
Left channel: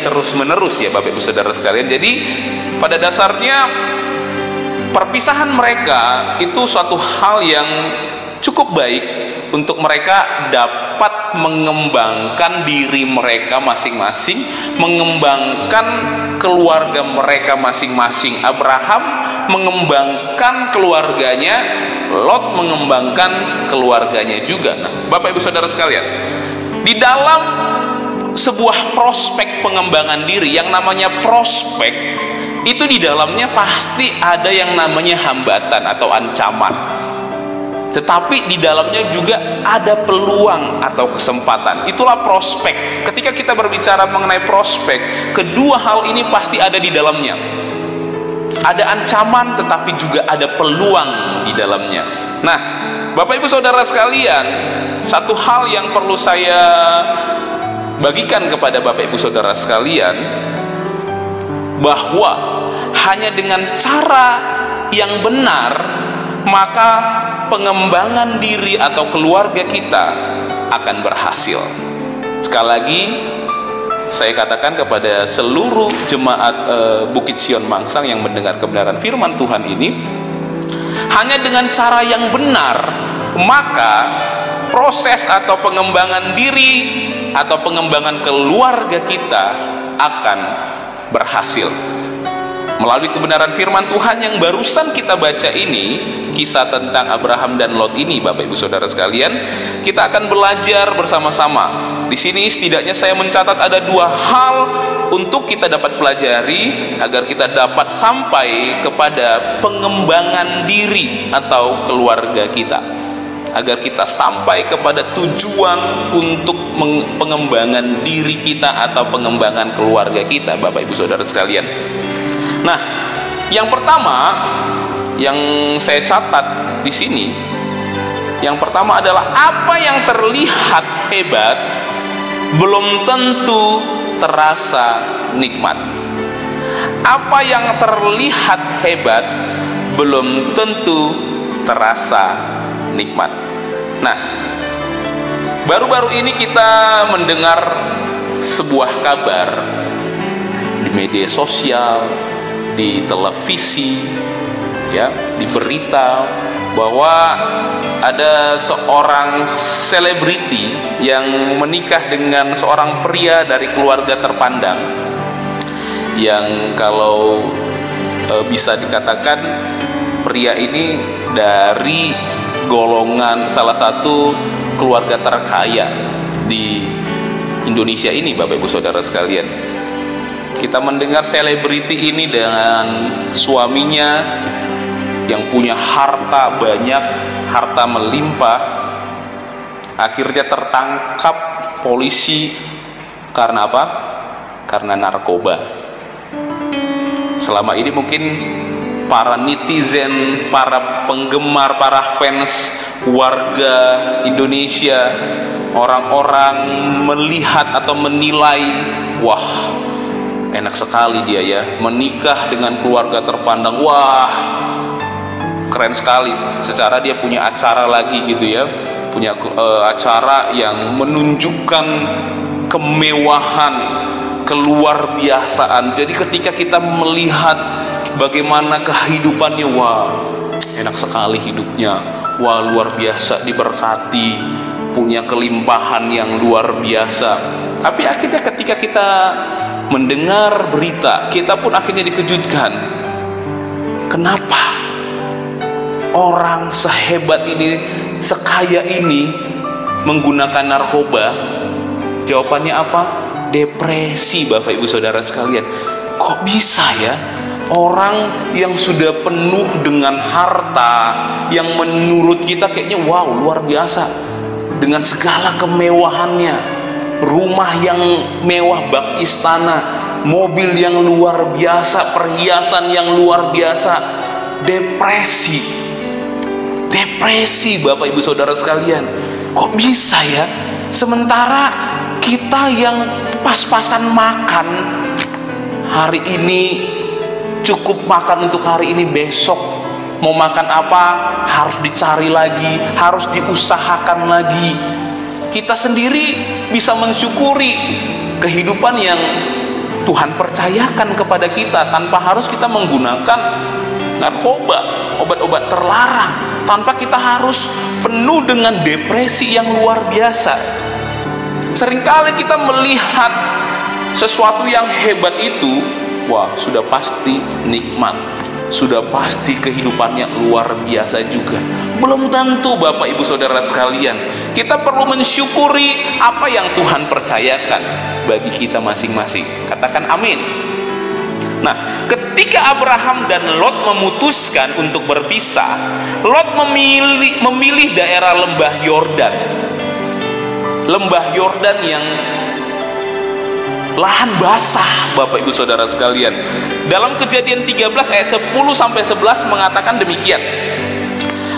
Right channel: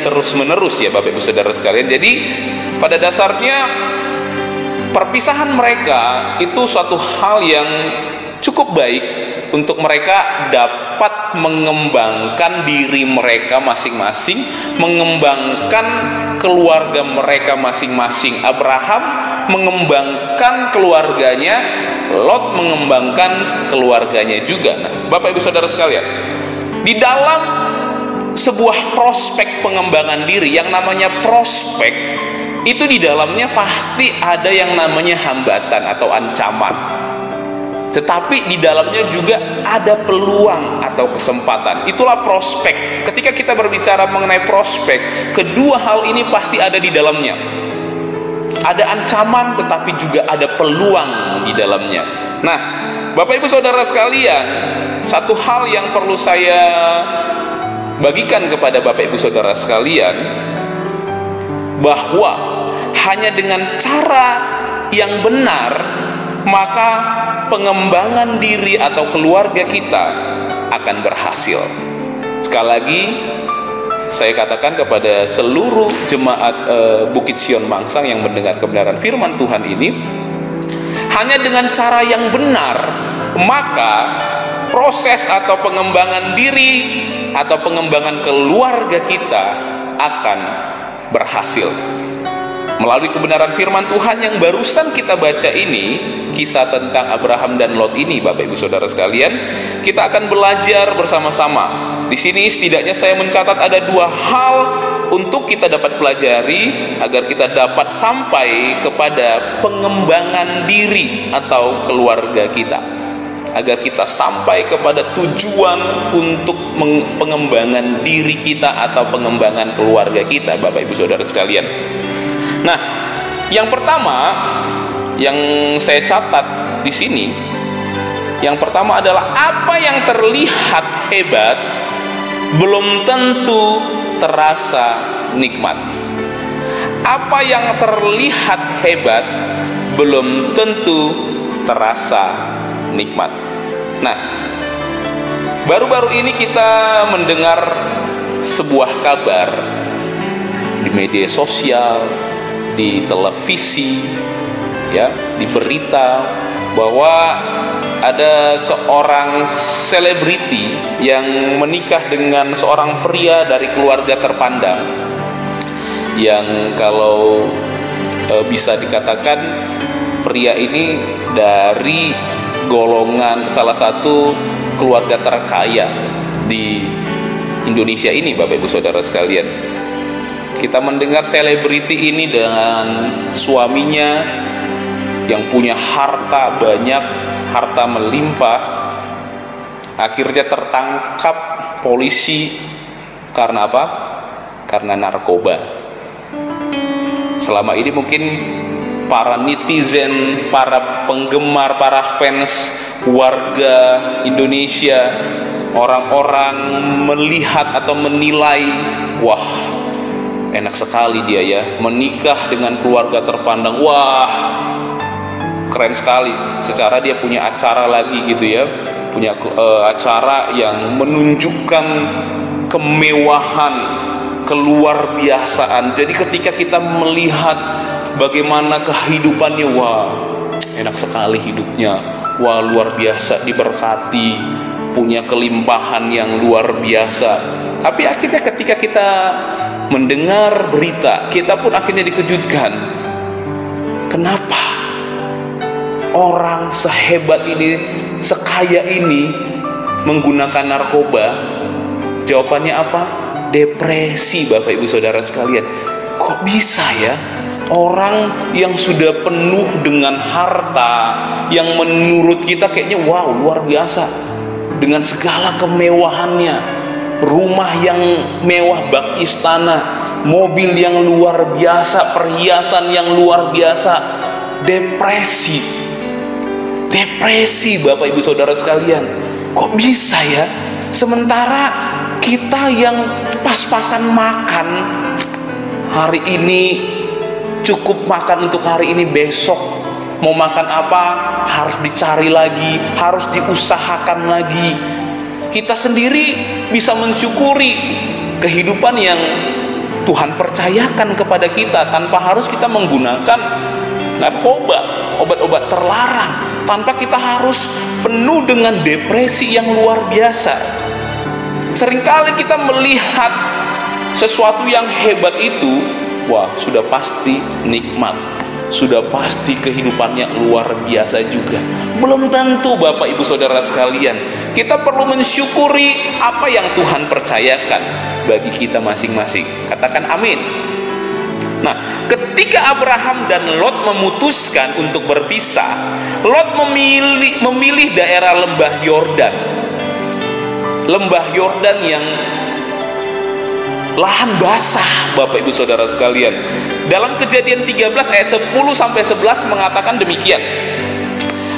terus-menerus ya Bapak Ibu Saudara sekalian. Jadi pada dasarnya perpisahan mereka itu suatu hal yang cukup baik untuk mereka dapat mengembangkan diri mereka masing-masing, mengembangkan keluarga mereka masing-masing. Abraham mengembangkan keluarganya, Lot mengembangkan keluarganya juga. Nah, Bapak Ibu Saudara sekalian, di dalam sebuah prospek pengembangan diri, yang namanya prospek itu di dalamnya pasti ada yang namanya hambatan atau ancaman. Tetapi di dalamnya juga ada peluang atau kesempatan. Itulah prospek. Ketika kita berbicara mengenai prospek, kedua hal ini pasti ada di dalamnya. Ada ancaman tetapi juga ada peluang di dalamnya. Nah, Bapak Ibu Saudara sekalian, satu hal yang perlu saya bagikan kepada Bapak Ibu Saudara sekalian, bahwa hanya dengan cara yang benar, maka pengembangan diri atau keluarga kita akan berhasil. Sekali lagi saya katakan kepada seluruh jemaat Bukit Sion Mangsang yang mendengar kebenaran firman Tuhan ini, hanya dengan cara yang benar maka proses atau pengembangan diri atau pengembangan keluarga kita akan berhasil. Melalui kebenaran firman Tuhan yang barusan kita baca ini, kisah tentang Abraham dan Lot ini, Bapak Ibu Saudara sekalian, kita akan belajar bersama-sama. Di sini setidaknya saya mencatat ada dua hal untuk kita dapat pelajari agar kita dapat sampai kepada pengembangan diri atau keluarga kita, agar kita sampai kepada tujuan untuk pengembangan diri kita atau pengembangan keluarga kita, Bapak Ibu Saudara sekalian. Nah, yang pertama yang saya catat di sini, yang pertama adalah apa yang terlihat hebat belum tentu terasa nikmat. Apa yang terlihat hebat belum tentu terasa nikmat. Nah, baru-baru ini kita mendengar sebuah kabar di media sosial, di televisi, ya, di berita, bahwa ada seorang selebriti yang menikah dengan seorang pria dari keluarga terpandang, yang kalau bisa dikatakan pria ini dari golongan salah satu keluarga terkaya di Indonesia ini, Bapak Ibu Saudara sekalian. Kita mendengar selebriti ini dengan suaminya yang punya harta banyak, harta melimpah, akhirnya tertangkap polisi karena apa? Karena narkoba. Selama ini mungkin para netizen, para penggemar, para fans warga Indonesia, orang-orang melihat atau menilai, wah, enak sekali dia ya, menikah dengan keluarga terpandang, wah, keren sekali. Secara dia punya acara lagi gitu ya, punya acara yang menunjukkan kemewahan, keluar biasaan. Jadi ketika kita melihat bagaimana kehidupannya, wah, enak sekali hidupnya, wah, luar biasa, diberkati, punya kelimpahan yang luar biasa. Tapi akhirnya ketika kita mendengar berita, kita pun akhirnya dikejutkan. Kenapa orang sehebat ini, sekaya ini menggunakan narkoba? Jawabannya apa? Depresi, Bapak Ibu Saudara sekalian. Kok bisa ya orang yang sudah penuh dengan harta, yang menurut kita kayaknya wow, luar biasa, dengan segala kemewahannya, rumah yang mewah bak istana, mobil yang luar biasa, perhiasan yang luar biasa, depresi Bapak Ibu Saudara sekalian. Kok bisa ya? Sementara kita yang pas-pasan makan hari ini, cukup makan untuk hari ini, besok mau makan apa harus dicari lagi, harus diusahakan lagi. Kita sendiri bisa mensyukuri kehidupan yang Tuhan percayakan kepada kita tanpa harus kita menggunakan narkoba, obat-obat terlarang, tanpa kita harus penuh dengan depresi yang luar biasa. Seringkali kita melihat sesuatu yang hebat itu, wah, sudah pasti nikmat, sudah pasti kehidupannya luar biasa juga. Belum tentu, Bapak Ibu Saudara sekalian. Kita perlu mensyukuri apa yang Tuhan percayakan bagi kita masing-masing. Katakan amin. Nah, ketika Abraham dan Lot memutuskan untuk berpisah, Lot memilih daerah lembah Yordan. Lembah Yordan yang lahan basah, Bapak Ibu Saudara sekalian. Dalam Kejadian 13 ayat 10-11 mengatakan demikian.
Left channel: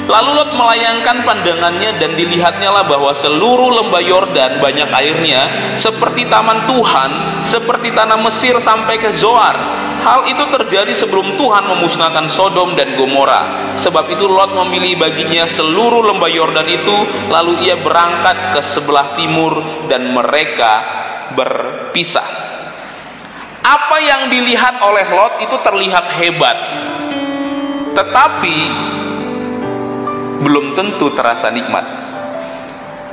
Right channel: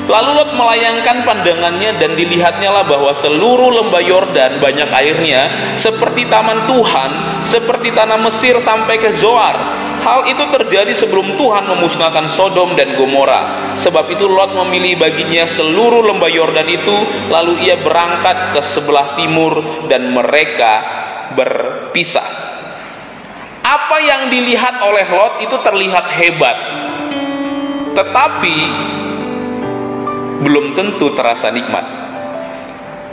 Lalu Lot melayangkan pandangannya dan dilihatnya lah bahwa seluruh lembah Yordan banyak airnya, seperti taman Tuhan, seperti tanah Mesir sampai ke Zoar. Hal itu terjadi sebelum Tuhan memusnahkan Sodom dan Gomora. Sebab itu Lot memilih baginya seluruh lembah Yordan itu, lalu ia berangkat ke sebelah timur dan mereka berpisah. Apa yang dilihat oleh Lot itu terlihat hebat, tetapi belum tentu terasa nikmat.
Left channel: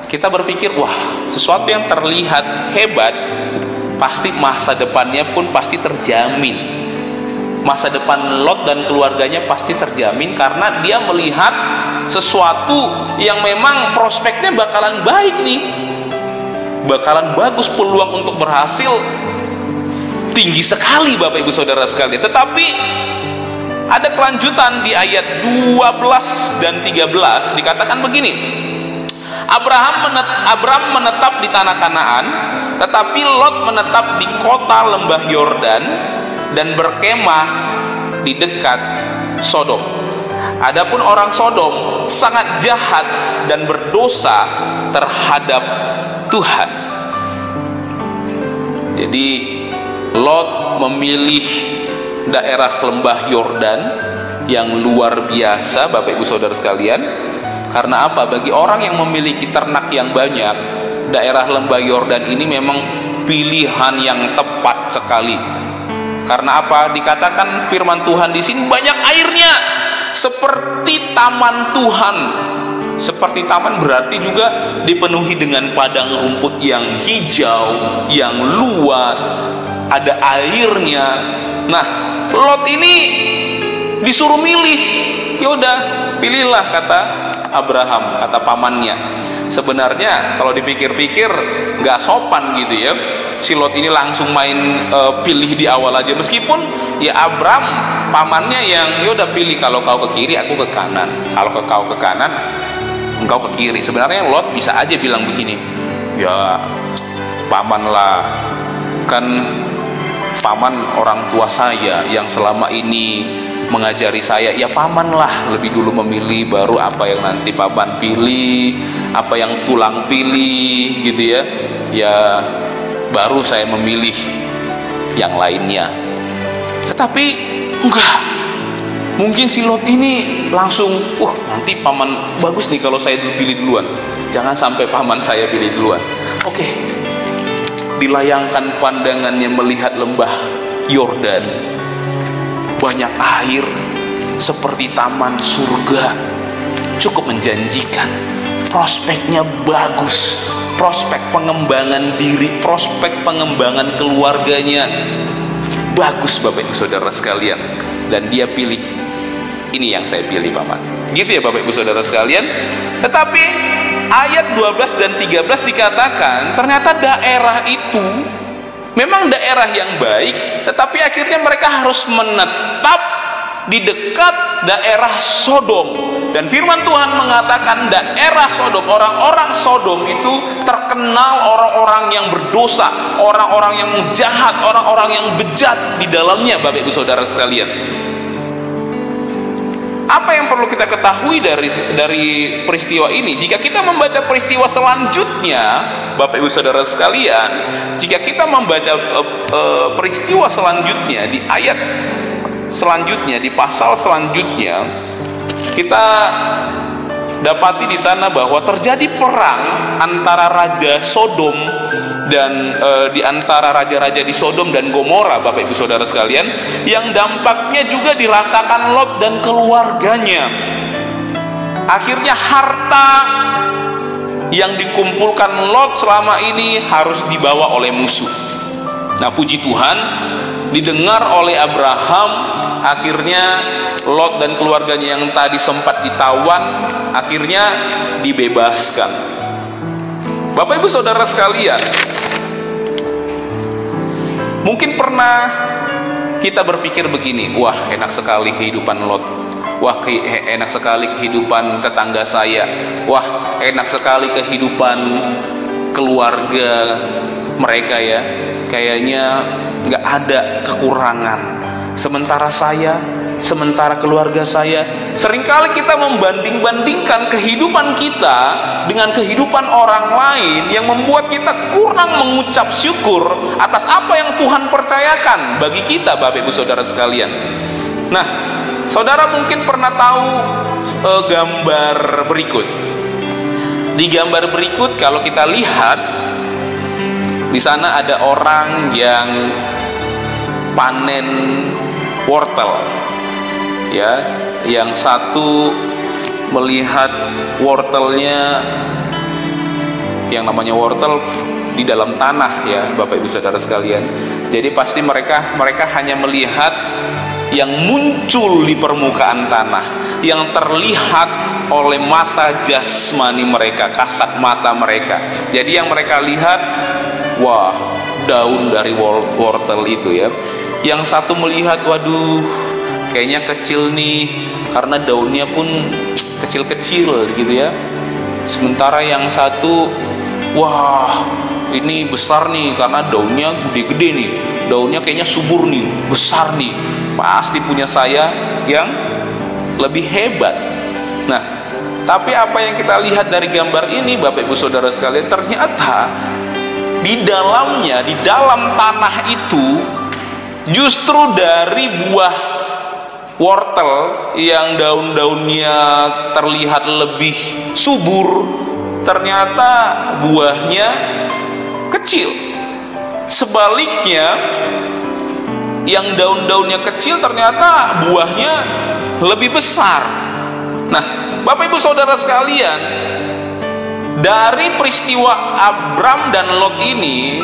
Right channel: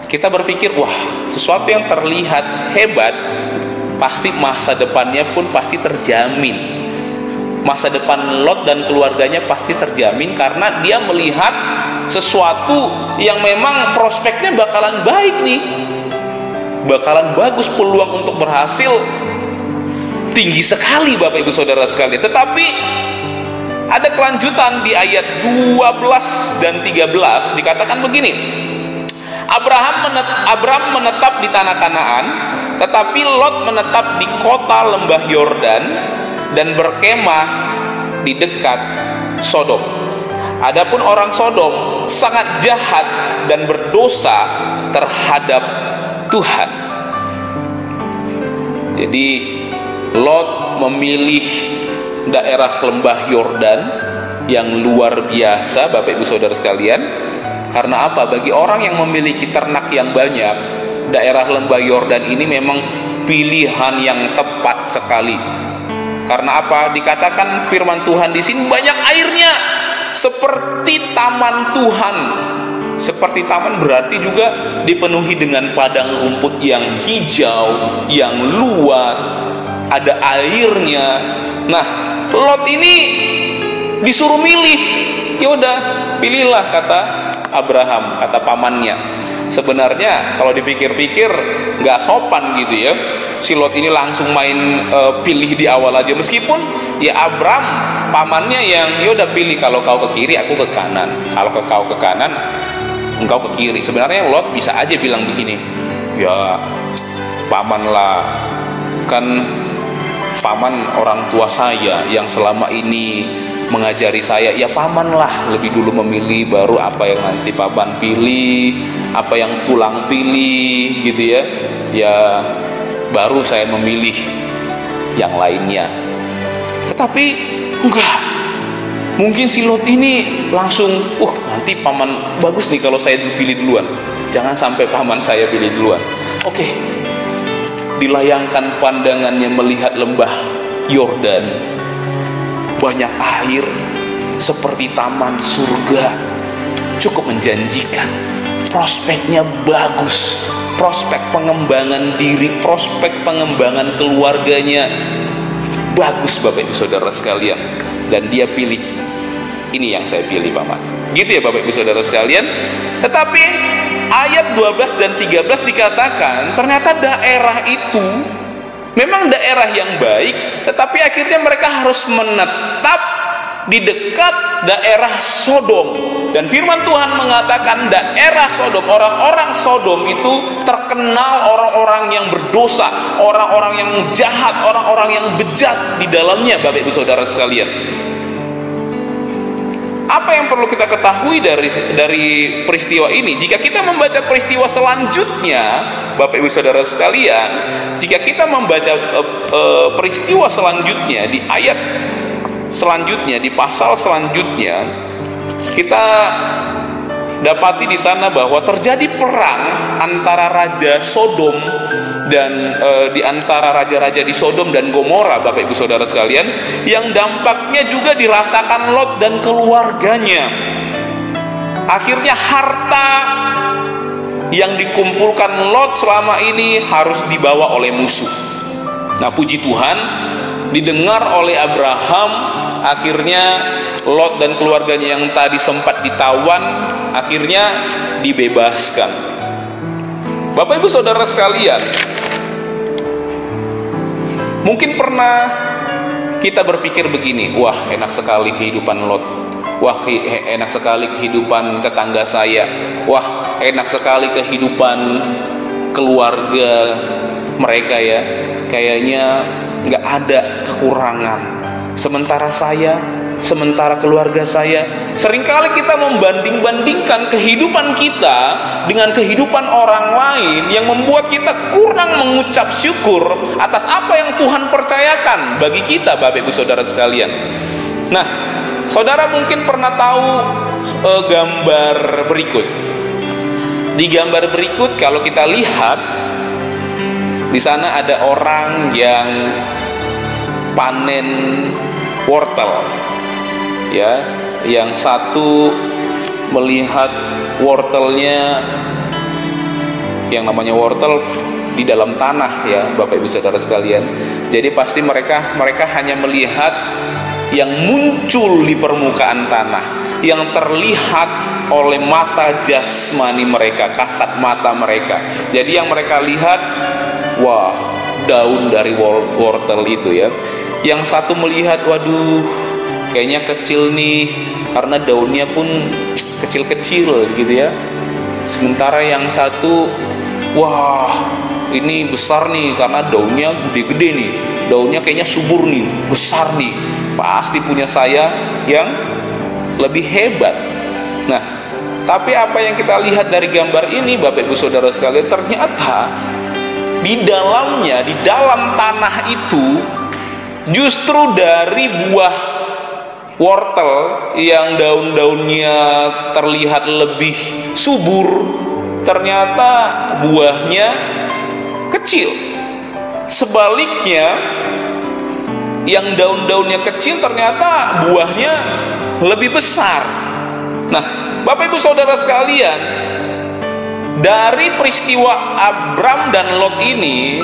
Kita berpikir, wah, sesuatu yang terlihat hebat, pasti masa depannya pun pasti terjamin. Masa depan Lot dan keluarganya pasti terjamin karena dia melihat sesuatu yang memang prospeknya bakalan baik nih, bakalan bagus, peluang untuk berhasil tinggi sekali, Bapak Ibu Saudara sekalian. Tetapi ada kelanjutan di ayat 12 dan 13, dikatakan begini. Abraham menetap di tanah Kanaan, tetapi Lot menetap di kota lembah Yordan dan berkemah di dekat Sodom. Adapun orang Sodom sangat jahat dan berdosa terhadap Tuhan. Jadi Lot memilih daerah lembah Yordan yang luar biasa, Bapak Ibu Saudara sekalian. Karena apa? Bagi orang yang memiliki ternak yang banyak, daerah lembah Yordan ini memang pilihan yang tepat sekali. Karena apa? Dikatakan firman Tuhan di sini banyak airnya, seperti taman Tuhan. Seperti taman berarti juga dipenuhi dengan padang rumput yang hijau, yang luas, ada airnya. Nah, Lot ini disuruh milih. Yaudah, pilihlah, kata Abraham, kata pamannya. sebenarnya kalau dipikir-pikir nggak sopan gitu ya. Si Lot ini langsung main pilih di awal aja, meskipun ya Abram pamannya yang ya udah pilih, kalau kau ke kiri aku ke kanan, kalau kau ke kanan engkau ke kiri. Sebenarnya Lot bisa aja bilang begini, ya paman lah, kan paman orang tua saya yang selama ini mengajari saya, ya paman lah lebih dulu memilih, baru apa yang nanti paman pilih, apa yang tulang pilih gitu ya, ya baru saya memilih yang lainnya. Tetapi enggak, mungkin si Lot ini langsung, nanti paman bagus nih kalau saya pilih duluan, jangan sampai paman saya pilih duluan. Oke, dilayangkan pandangannya melihat lembah Yordan, banyak air seperti taman surga, cukup menjanjikan, prospeknya bagus, prospek pengembangan diri, prospek pengembangan keluarganya bagus Bapak Ibu Saudara sekalian. Dan dia pilih, ini yang saya pilih paman, gitu ya Bapak Ibu Saudara sekalian. Tetapi ayat 12 dan 13 dikatakan ternyata daerah itu memang daerah yang baik, tetapi akhirnya mereka harus menetap di dekat daerah Sodom. Dan firman Tuhan mengatakan daerah Sodom, orang-orang Sodom itu terkenal orang-orang yang berdosa, orang-orang yang jahat, orang-orang yang bejat di dalamnya Bapak Ibu Saudara sekalian. Apa yang perlu kita ketahui dari peristiwa ini? Jika kita membaca peristiwa selanjutnya Bapak Ibu Saudara sekalian, jika kita membaca peristiwa selanjutnya di ayat selanjutnya, di pasal selanjutnya, kita dapati di sana bahwa terjadi perang antara raja Sodom dan di antara raja-raja di Sodom dan Gomora Bapak Ibu Saudara sekalian, yang dampaknya juga dirasakan Lot dan keluarganya. Akhirnya harta yang dikumpulkan Lot selama ini harus dibawa oleh musuh. Nah, puji Tuhan, didengar oleh Abraham, akhirnya Lot dan keluarganya yang tadi sempat ditawan akhirnya dibebaskan. Bapak Ibu Saudara sekalian, mungkin pernah kita berpikir begini, wah enak sekali kehidupan Lot, wah enak sekali kehidupan tetangga saya, wah enak sekali kehidupan keluarga mereka ya, kayaknya nggak ada kekurangan. Sementara keluarga saya, seringkali kita membanding-bandingkan kehidupan kita dengan kehidupan orang lain yang membuat kita kurang mengucap syukur atas apa yang Tuhan percayakan bagi kita Bapak Ibu Saudara sekalian. Nah, saudara mungkin pernah tahu gambar berikut. Di gambar berikut kalau kita lihat, di sana ada orang yang panen wortel, ya, yang satu melihat wortelnya, yang namanya wortel di dalam tanah ya Bapak Ibu Saudara sekalian. Jadi pasti mereka hanya melihat yang muncul di permukaan tanah, yang terlihat oleh mata jasmani mereka, kasat mata mereka. Jadi yang mereka lihat, wah, daun dari wortel itu ya. Yang satu melihat, waduh, kayaknya kecil nih, karena daunnya pun kecil-kecil gitu ya. Sementara yang satu, wah, ini besar nih, karena daunnya gede-gede nih, daunnya kayaknya subur nih, besar nih, pasti punya saya yang lebih hebat. Nah, tapi apa yang kita lihat dari gambar ini Bapak Ibu Saudara sekalian, ternyata di dalamnya, di dalam tanah itu, justru dari buah wortel yang daun-daunnya terlihat lebih subur, ternyata buahnya kecil. Sebaliknya, yang daun-daunnya kecil ternyata buahnya lebih besar. Nah, Bapak Ibu Saudara sekalian, dari peristiwa Abram dan Lot ini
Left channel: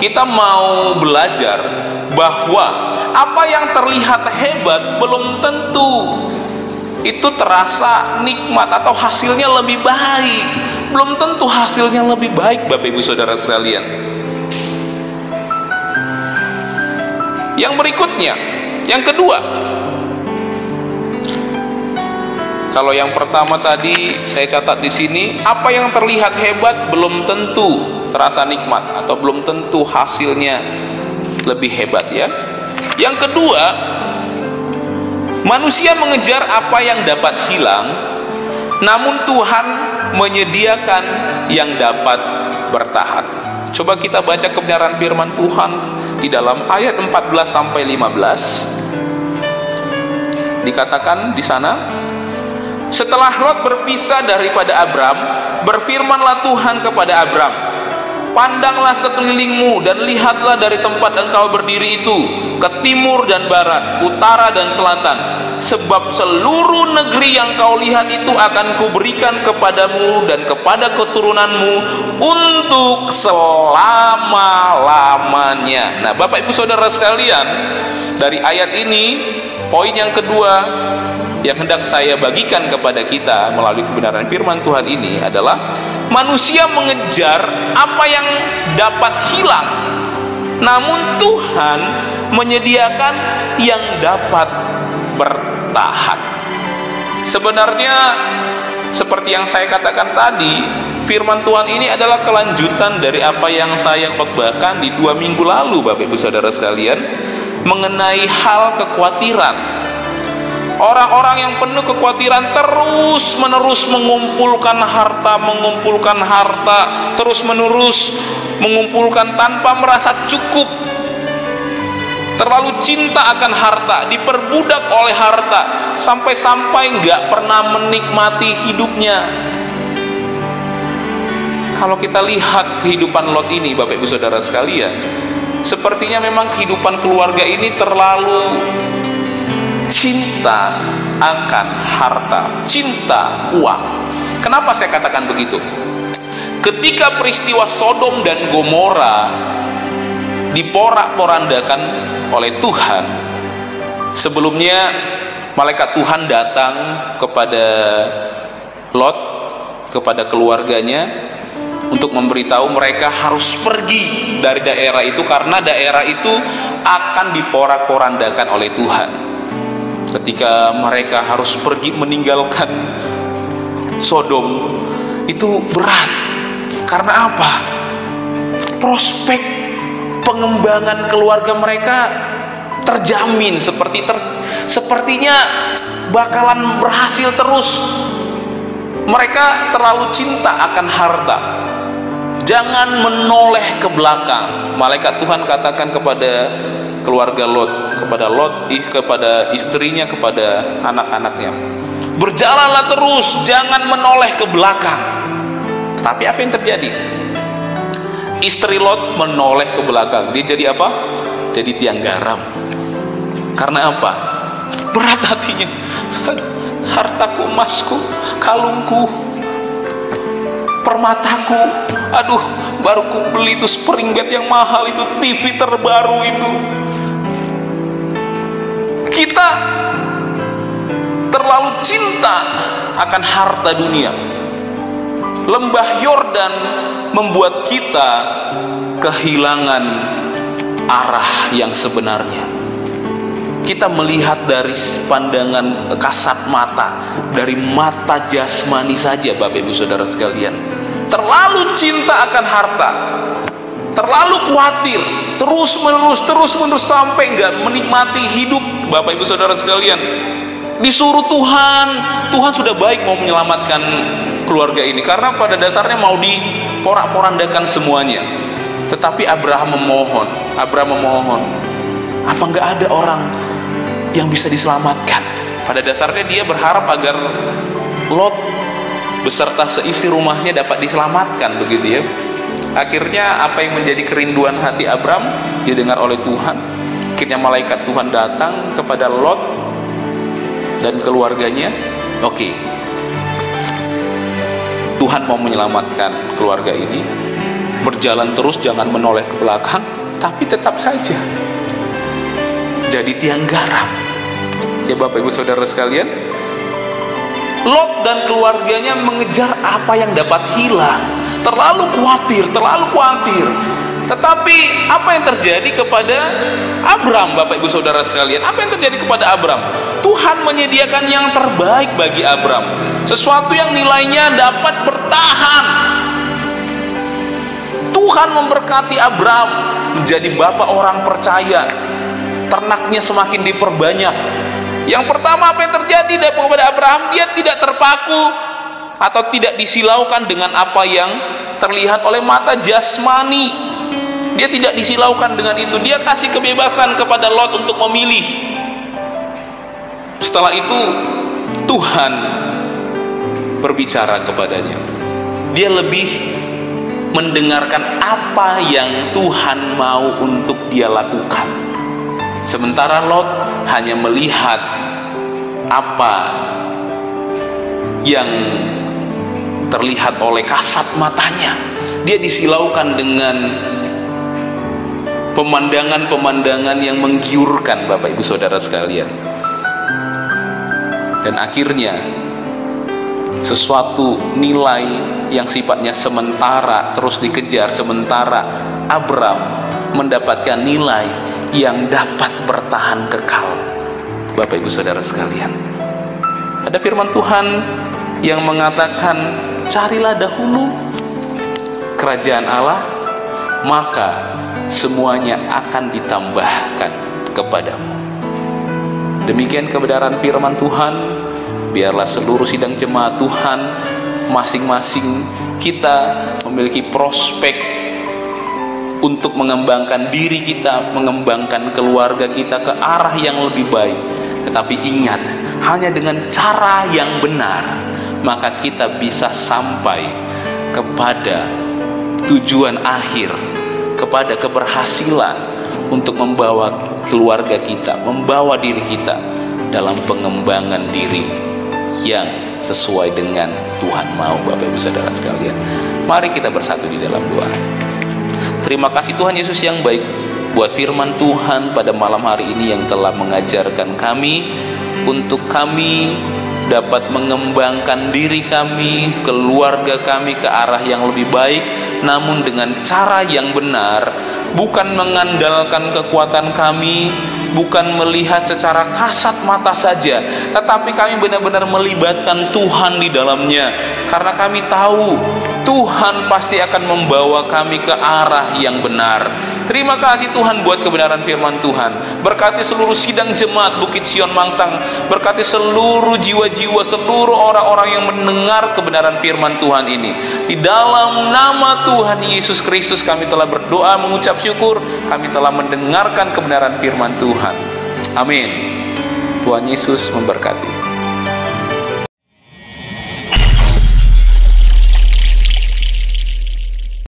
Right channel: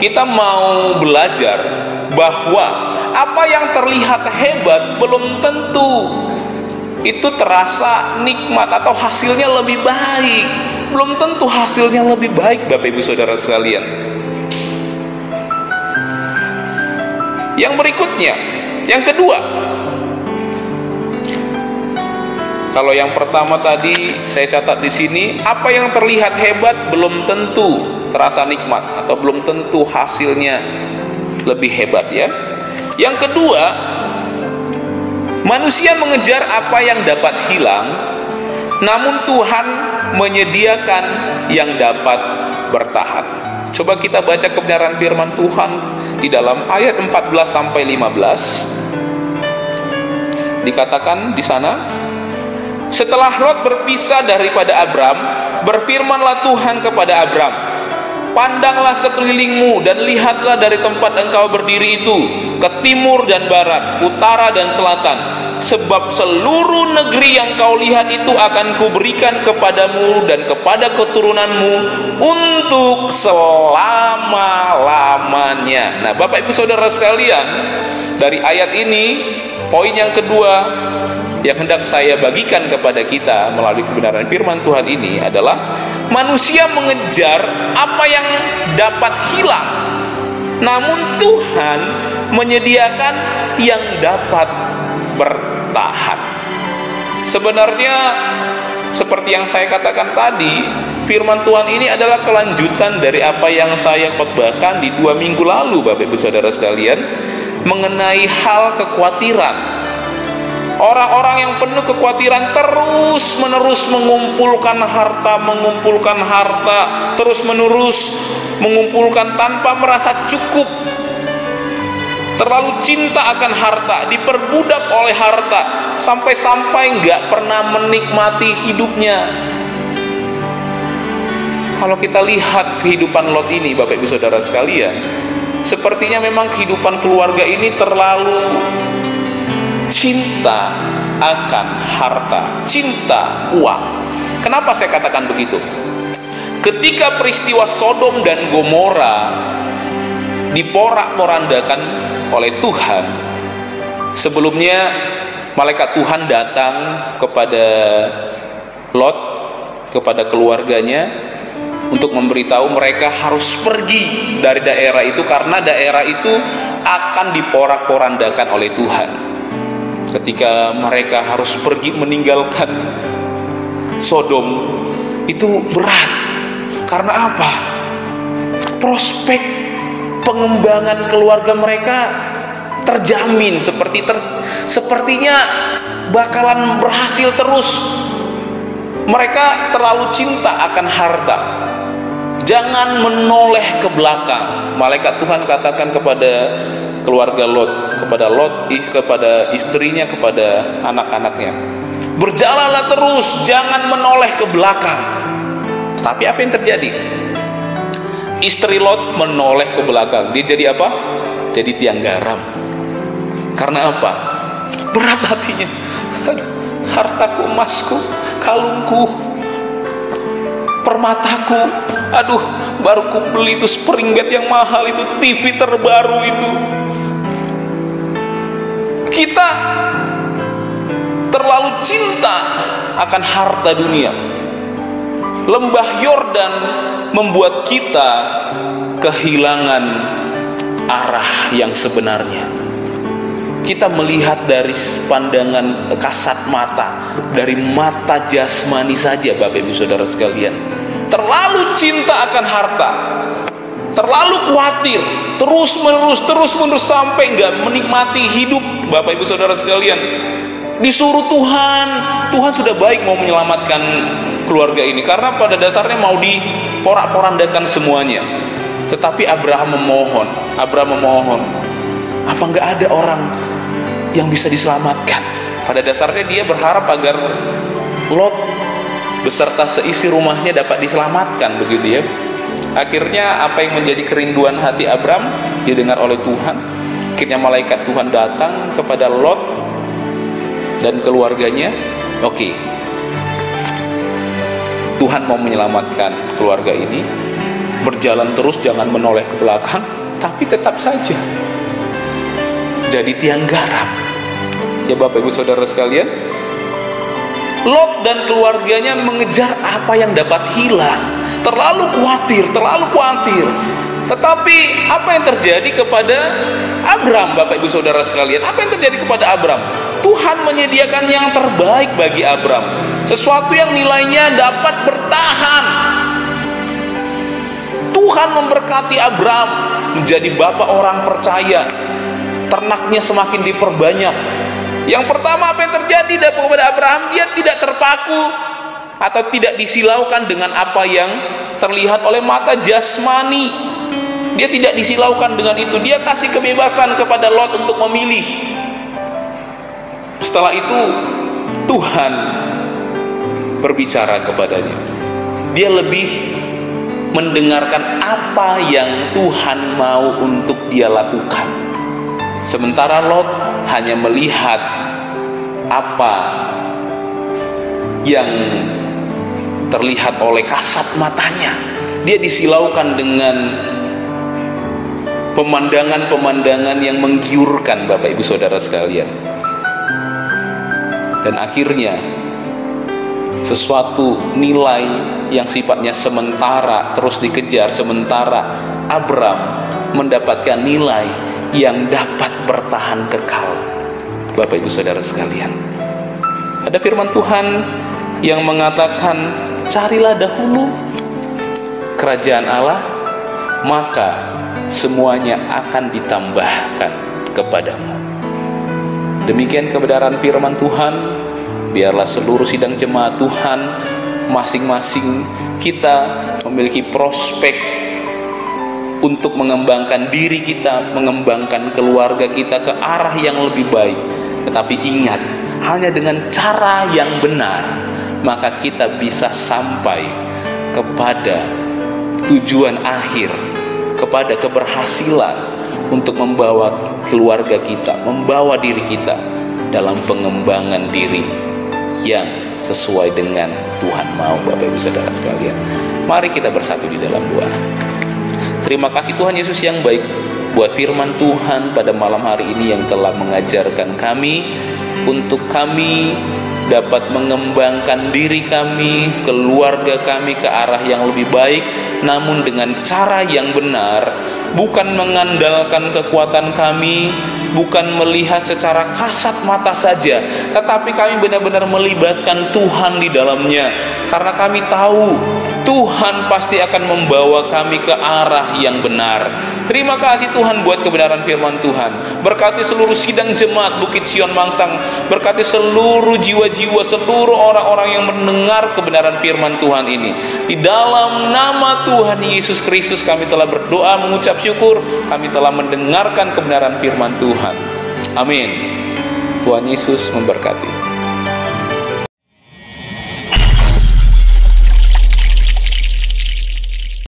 kita mau belajar bahwa apa yang terlihat hebat belum tentu itu terasa nikmat atau hasilnya lebih baik. Belum tentu hasilnya lebih baik, Bapak Ibu Saudara sekalian. Yang berikutnya, yang kedua, kalau yang pertama tadi saya catat di sini, apa yang terlihat hebat belum tentu terasa nikmat atau belum tentu hasilnya lebih hebat ya. Yang kedua, manusia mengejar apa yang dapat hilang, namun Tuhan menyediakan yang dapat bertahan. Coba kita baca kebenaran firman Tuhan di dalam ayat 14 sampai 15. Dikatakan di sana, setelah Lot berpisah daripada Abram, berfirmanlah Tuhan kepada Abram, pandanglah sekelilingmu dan lihatlah dari tempat engkau berdiri itu, ke timur dan barat, utara dan selatan. Sebab seluruh negeri yang kau lihat itu akan kuberikan kepadamu dan kepada keturunanmu untuk selama-lamanya. Nah, Bapak Ibu Saudara sekalian, dari ayat ini, poin yang kedua yang hendak saya bagikan kepada kita melalui kebenaran firman Tuhan ini adalah manusia mengejar apa yang dapat hilang, namun Tuhan menyediakan yang dapat bertahan. Sebenarnya seperti yang saya katakan tadi, firman Tuhan ini adalah kelanjutan dari apa yang saya khotbahkan di 2 minggu lalu, Bapak Ibu Saudara sekalian, mengenai hal kekhawatiran. Orang-orang yang penuh kekhawatiran terus-menerus mengumpulkan harta, terus-menerus mengumpulkan tanpa merasa cukup. Terlalu cinta akan harta, diperbudak oleh harta, sampai-sampai nggak pernah menikmati hidupnya. Kalau kita lihat kehidupan Lot ini, Bapak Ibu Saudara sekalian, sepertinya memang kehidupan keluarga ini terlalu cinta akan harta, cinta uang. Kenapa saya katakan begitu? Ketika peristiwa Sodom dan Gomora diporak-porandakan oleh Tuhan, sebelumnya malaikat Tuhan datang kepada Lot, kepada keluarganya, untuk memberitahu mereka harus pergi dari daerah itu karena daerah itu akan diporak-porandakan oleh Tuhan. Ketika mereka harus pergi meninggalkan Sodom, itu berat. Karena apa? Prospek pengembangan keluarga mereka terjamin, sepertinya bakalan berhasil terus. Mereka terlalu cinta akan harta. Jangan menoleh ke belakang. Malaikat Tuhan katakan kepada keluarga Lot, kepada istrinya, kepada anak-anaknya, berjalanlah terus, jangan menoleh ke belakang. Tapi apa yang terjadi? Istri Lot menoleh ke belakang. Dia jadi apa? Jadi tiang garam. Karena apa? Berat hatinya. Hartaku, emasku, kalungku, permataku, aduh, baru ku beli itu spring bed yang mahal itu, TV terbaru itu. Kita terlalu cinta akan harta dunia. Lembah Yordan membuat kita kehilangan arah yang sebenarnya. Kita melihat dari pandangan kasat mata, dari mata jasmani saja, Bapak Ibu Saudara sekalian. Terlalu cinta akan harta, terlalu khawatir, terus-menerus sampai nggak menikmati hidup, Bapak Ibu Saudara sekalian. Disuruh Tuhan sudah baik mau menyelamatkan keluarga ini, karena pada dasarnya mau diporak-porandakan semuanya. Tetapi Abraham memohon, apa nggak ada orang yang bisa diselamatkan? Pada dasarnya dia berharap agar Lot beserta seisi rumahnya dapat diselamatkan, begitu ya. Akhirnya apa yang menjadi kerinduan hati Abraham didengar oleh Tuhan. Akhirnya malaikat Tuhan datang kepada Lot dan keluarganya. Oke, Tuhan mau menyelamatkan keluarga ini. Berjalan terus, jangan menoleh ke belakang, tapi tetap saja jadi tiang garam. Ya Bapak Ibu Saudara sekalian, Lot dan keluarganya mengejar apa yang dapat hilang. Terlalu khawatir. Tetapi apa yang terjadi kepada Abram, Bapak Ibu Saudara sekalian? Apa yang terjadi kepada Abram? Tuhan menyediakan yang terbaik bagi Abram, sesuatu yang nilainya dapat bertahan. Tuhan memberkati Abram menjadi bapak orang percaya. Ternaknya semakin diperbanyak. Yang pertama, apa yang terjadi kepada Abraham? Dia tidak terpaku atau tidak disilaukan dengan apa yang terlihat oleh mata jasmani. Dia tidak disilaukan dengan itu. Dia kasih kebebasan kepada Lot untuk memilih. Setelah itu Tuhan berbicara kepadanya. Dia lebih mendengarkan apa yang Tuhan mau untuk dia lakukan. Sementara Lot hanya melihat apa yang terlihat oleh kasat matanya. Dia disilaukan dengan pemandangan-pemandangan yang menggiurkan, Bapak Ibu Saudara sekalian. Dan akhirnya sesuatu nilai yang sifatnya sementara terus dikejar, sementara Abram mendapatkan nilai yang dapat bertahan kekal. Bapak Ibu Saudara sekalian, ada firman Tuhan yang mengatakan, carilah dahulu kerajaan Allah, maka semuanya akan ditambahkan kepadamu. Demikian kebenaran firman Tuhan. Biarlah seluruh sidang jemaat Tuhan, masing-masing kita memiliki prospek untuk mengembangkan diri kita, mengembangkan keluarga kita ke arah yang lebih baik. Tetapi ingat, hanya dengan cara yang benar, maka kita bisa sampai kepada tujuan akhir, kepada keberhasilan untuk membawa keluarga kita, membawa diri kita dalam pengembangan diri yang sesuai dengan Tuhan mau. Bapak Ibu Saudara sekalian, mari kita bersatu di dalam doa. Terima kasih Tuhan Yesus yang baik buat firman Tuhan pada malam hari ini yang telah mengajarkan kami untuk kami dapat mengembangkan diri kami, keluarga kami ke arah yang lebih baik, namun dengan cara yang benar, bukan mengandalkan kekuatan kami, bukan melihat secara kasat mata saja, tetapi kami benar-benar melibatkan Tuhan di dalamnya, karena kami tahu Tuhan pasti akan membawa kami ke arah yang benar. Terima kasih Tuhan buat kebenaran firman Tuhan. Berkati seluruh sidang jemaat Bukit Sion Mangsang, berkati seluruh jiwa-jiwa, seluruh orang-orang yang mendengar kebenaran firman Tuhan ini. Di dalam nama Tuhan Yesus Kristus kami telah berdoa, mengucap syukur, kami telah mendengarkan kebenaran firman Tuhan. Amin. Tuhan Yesus memberkati.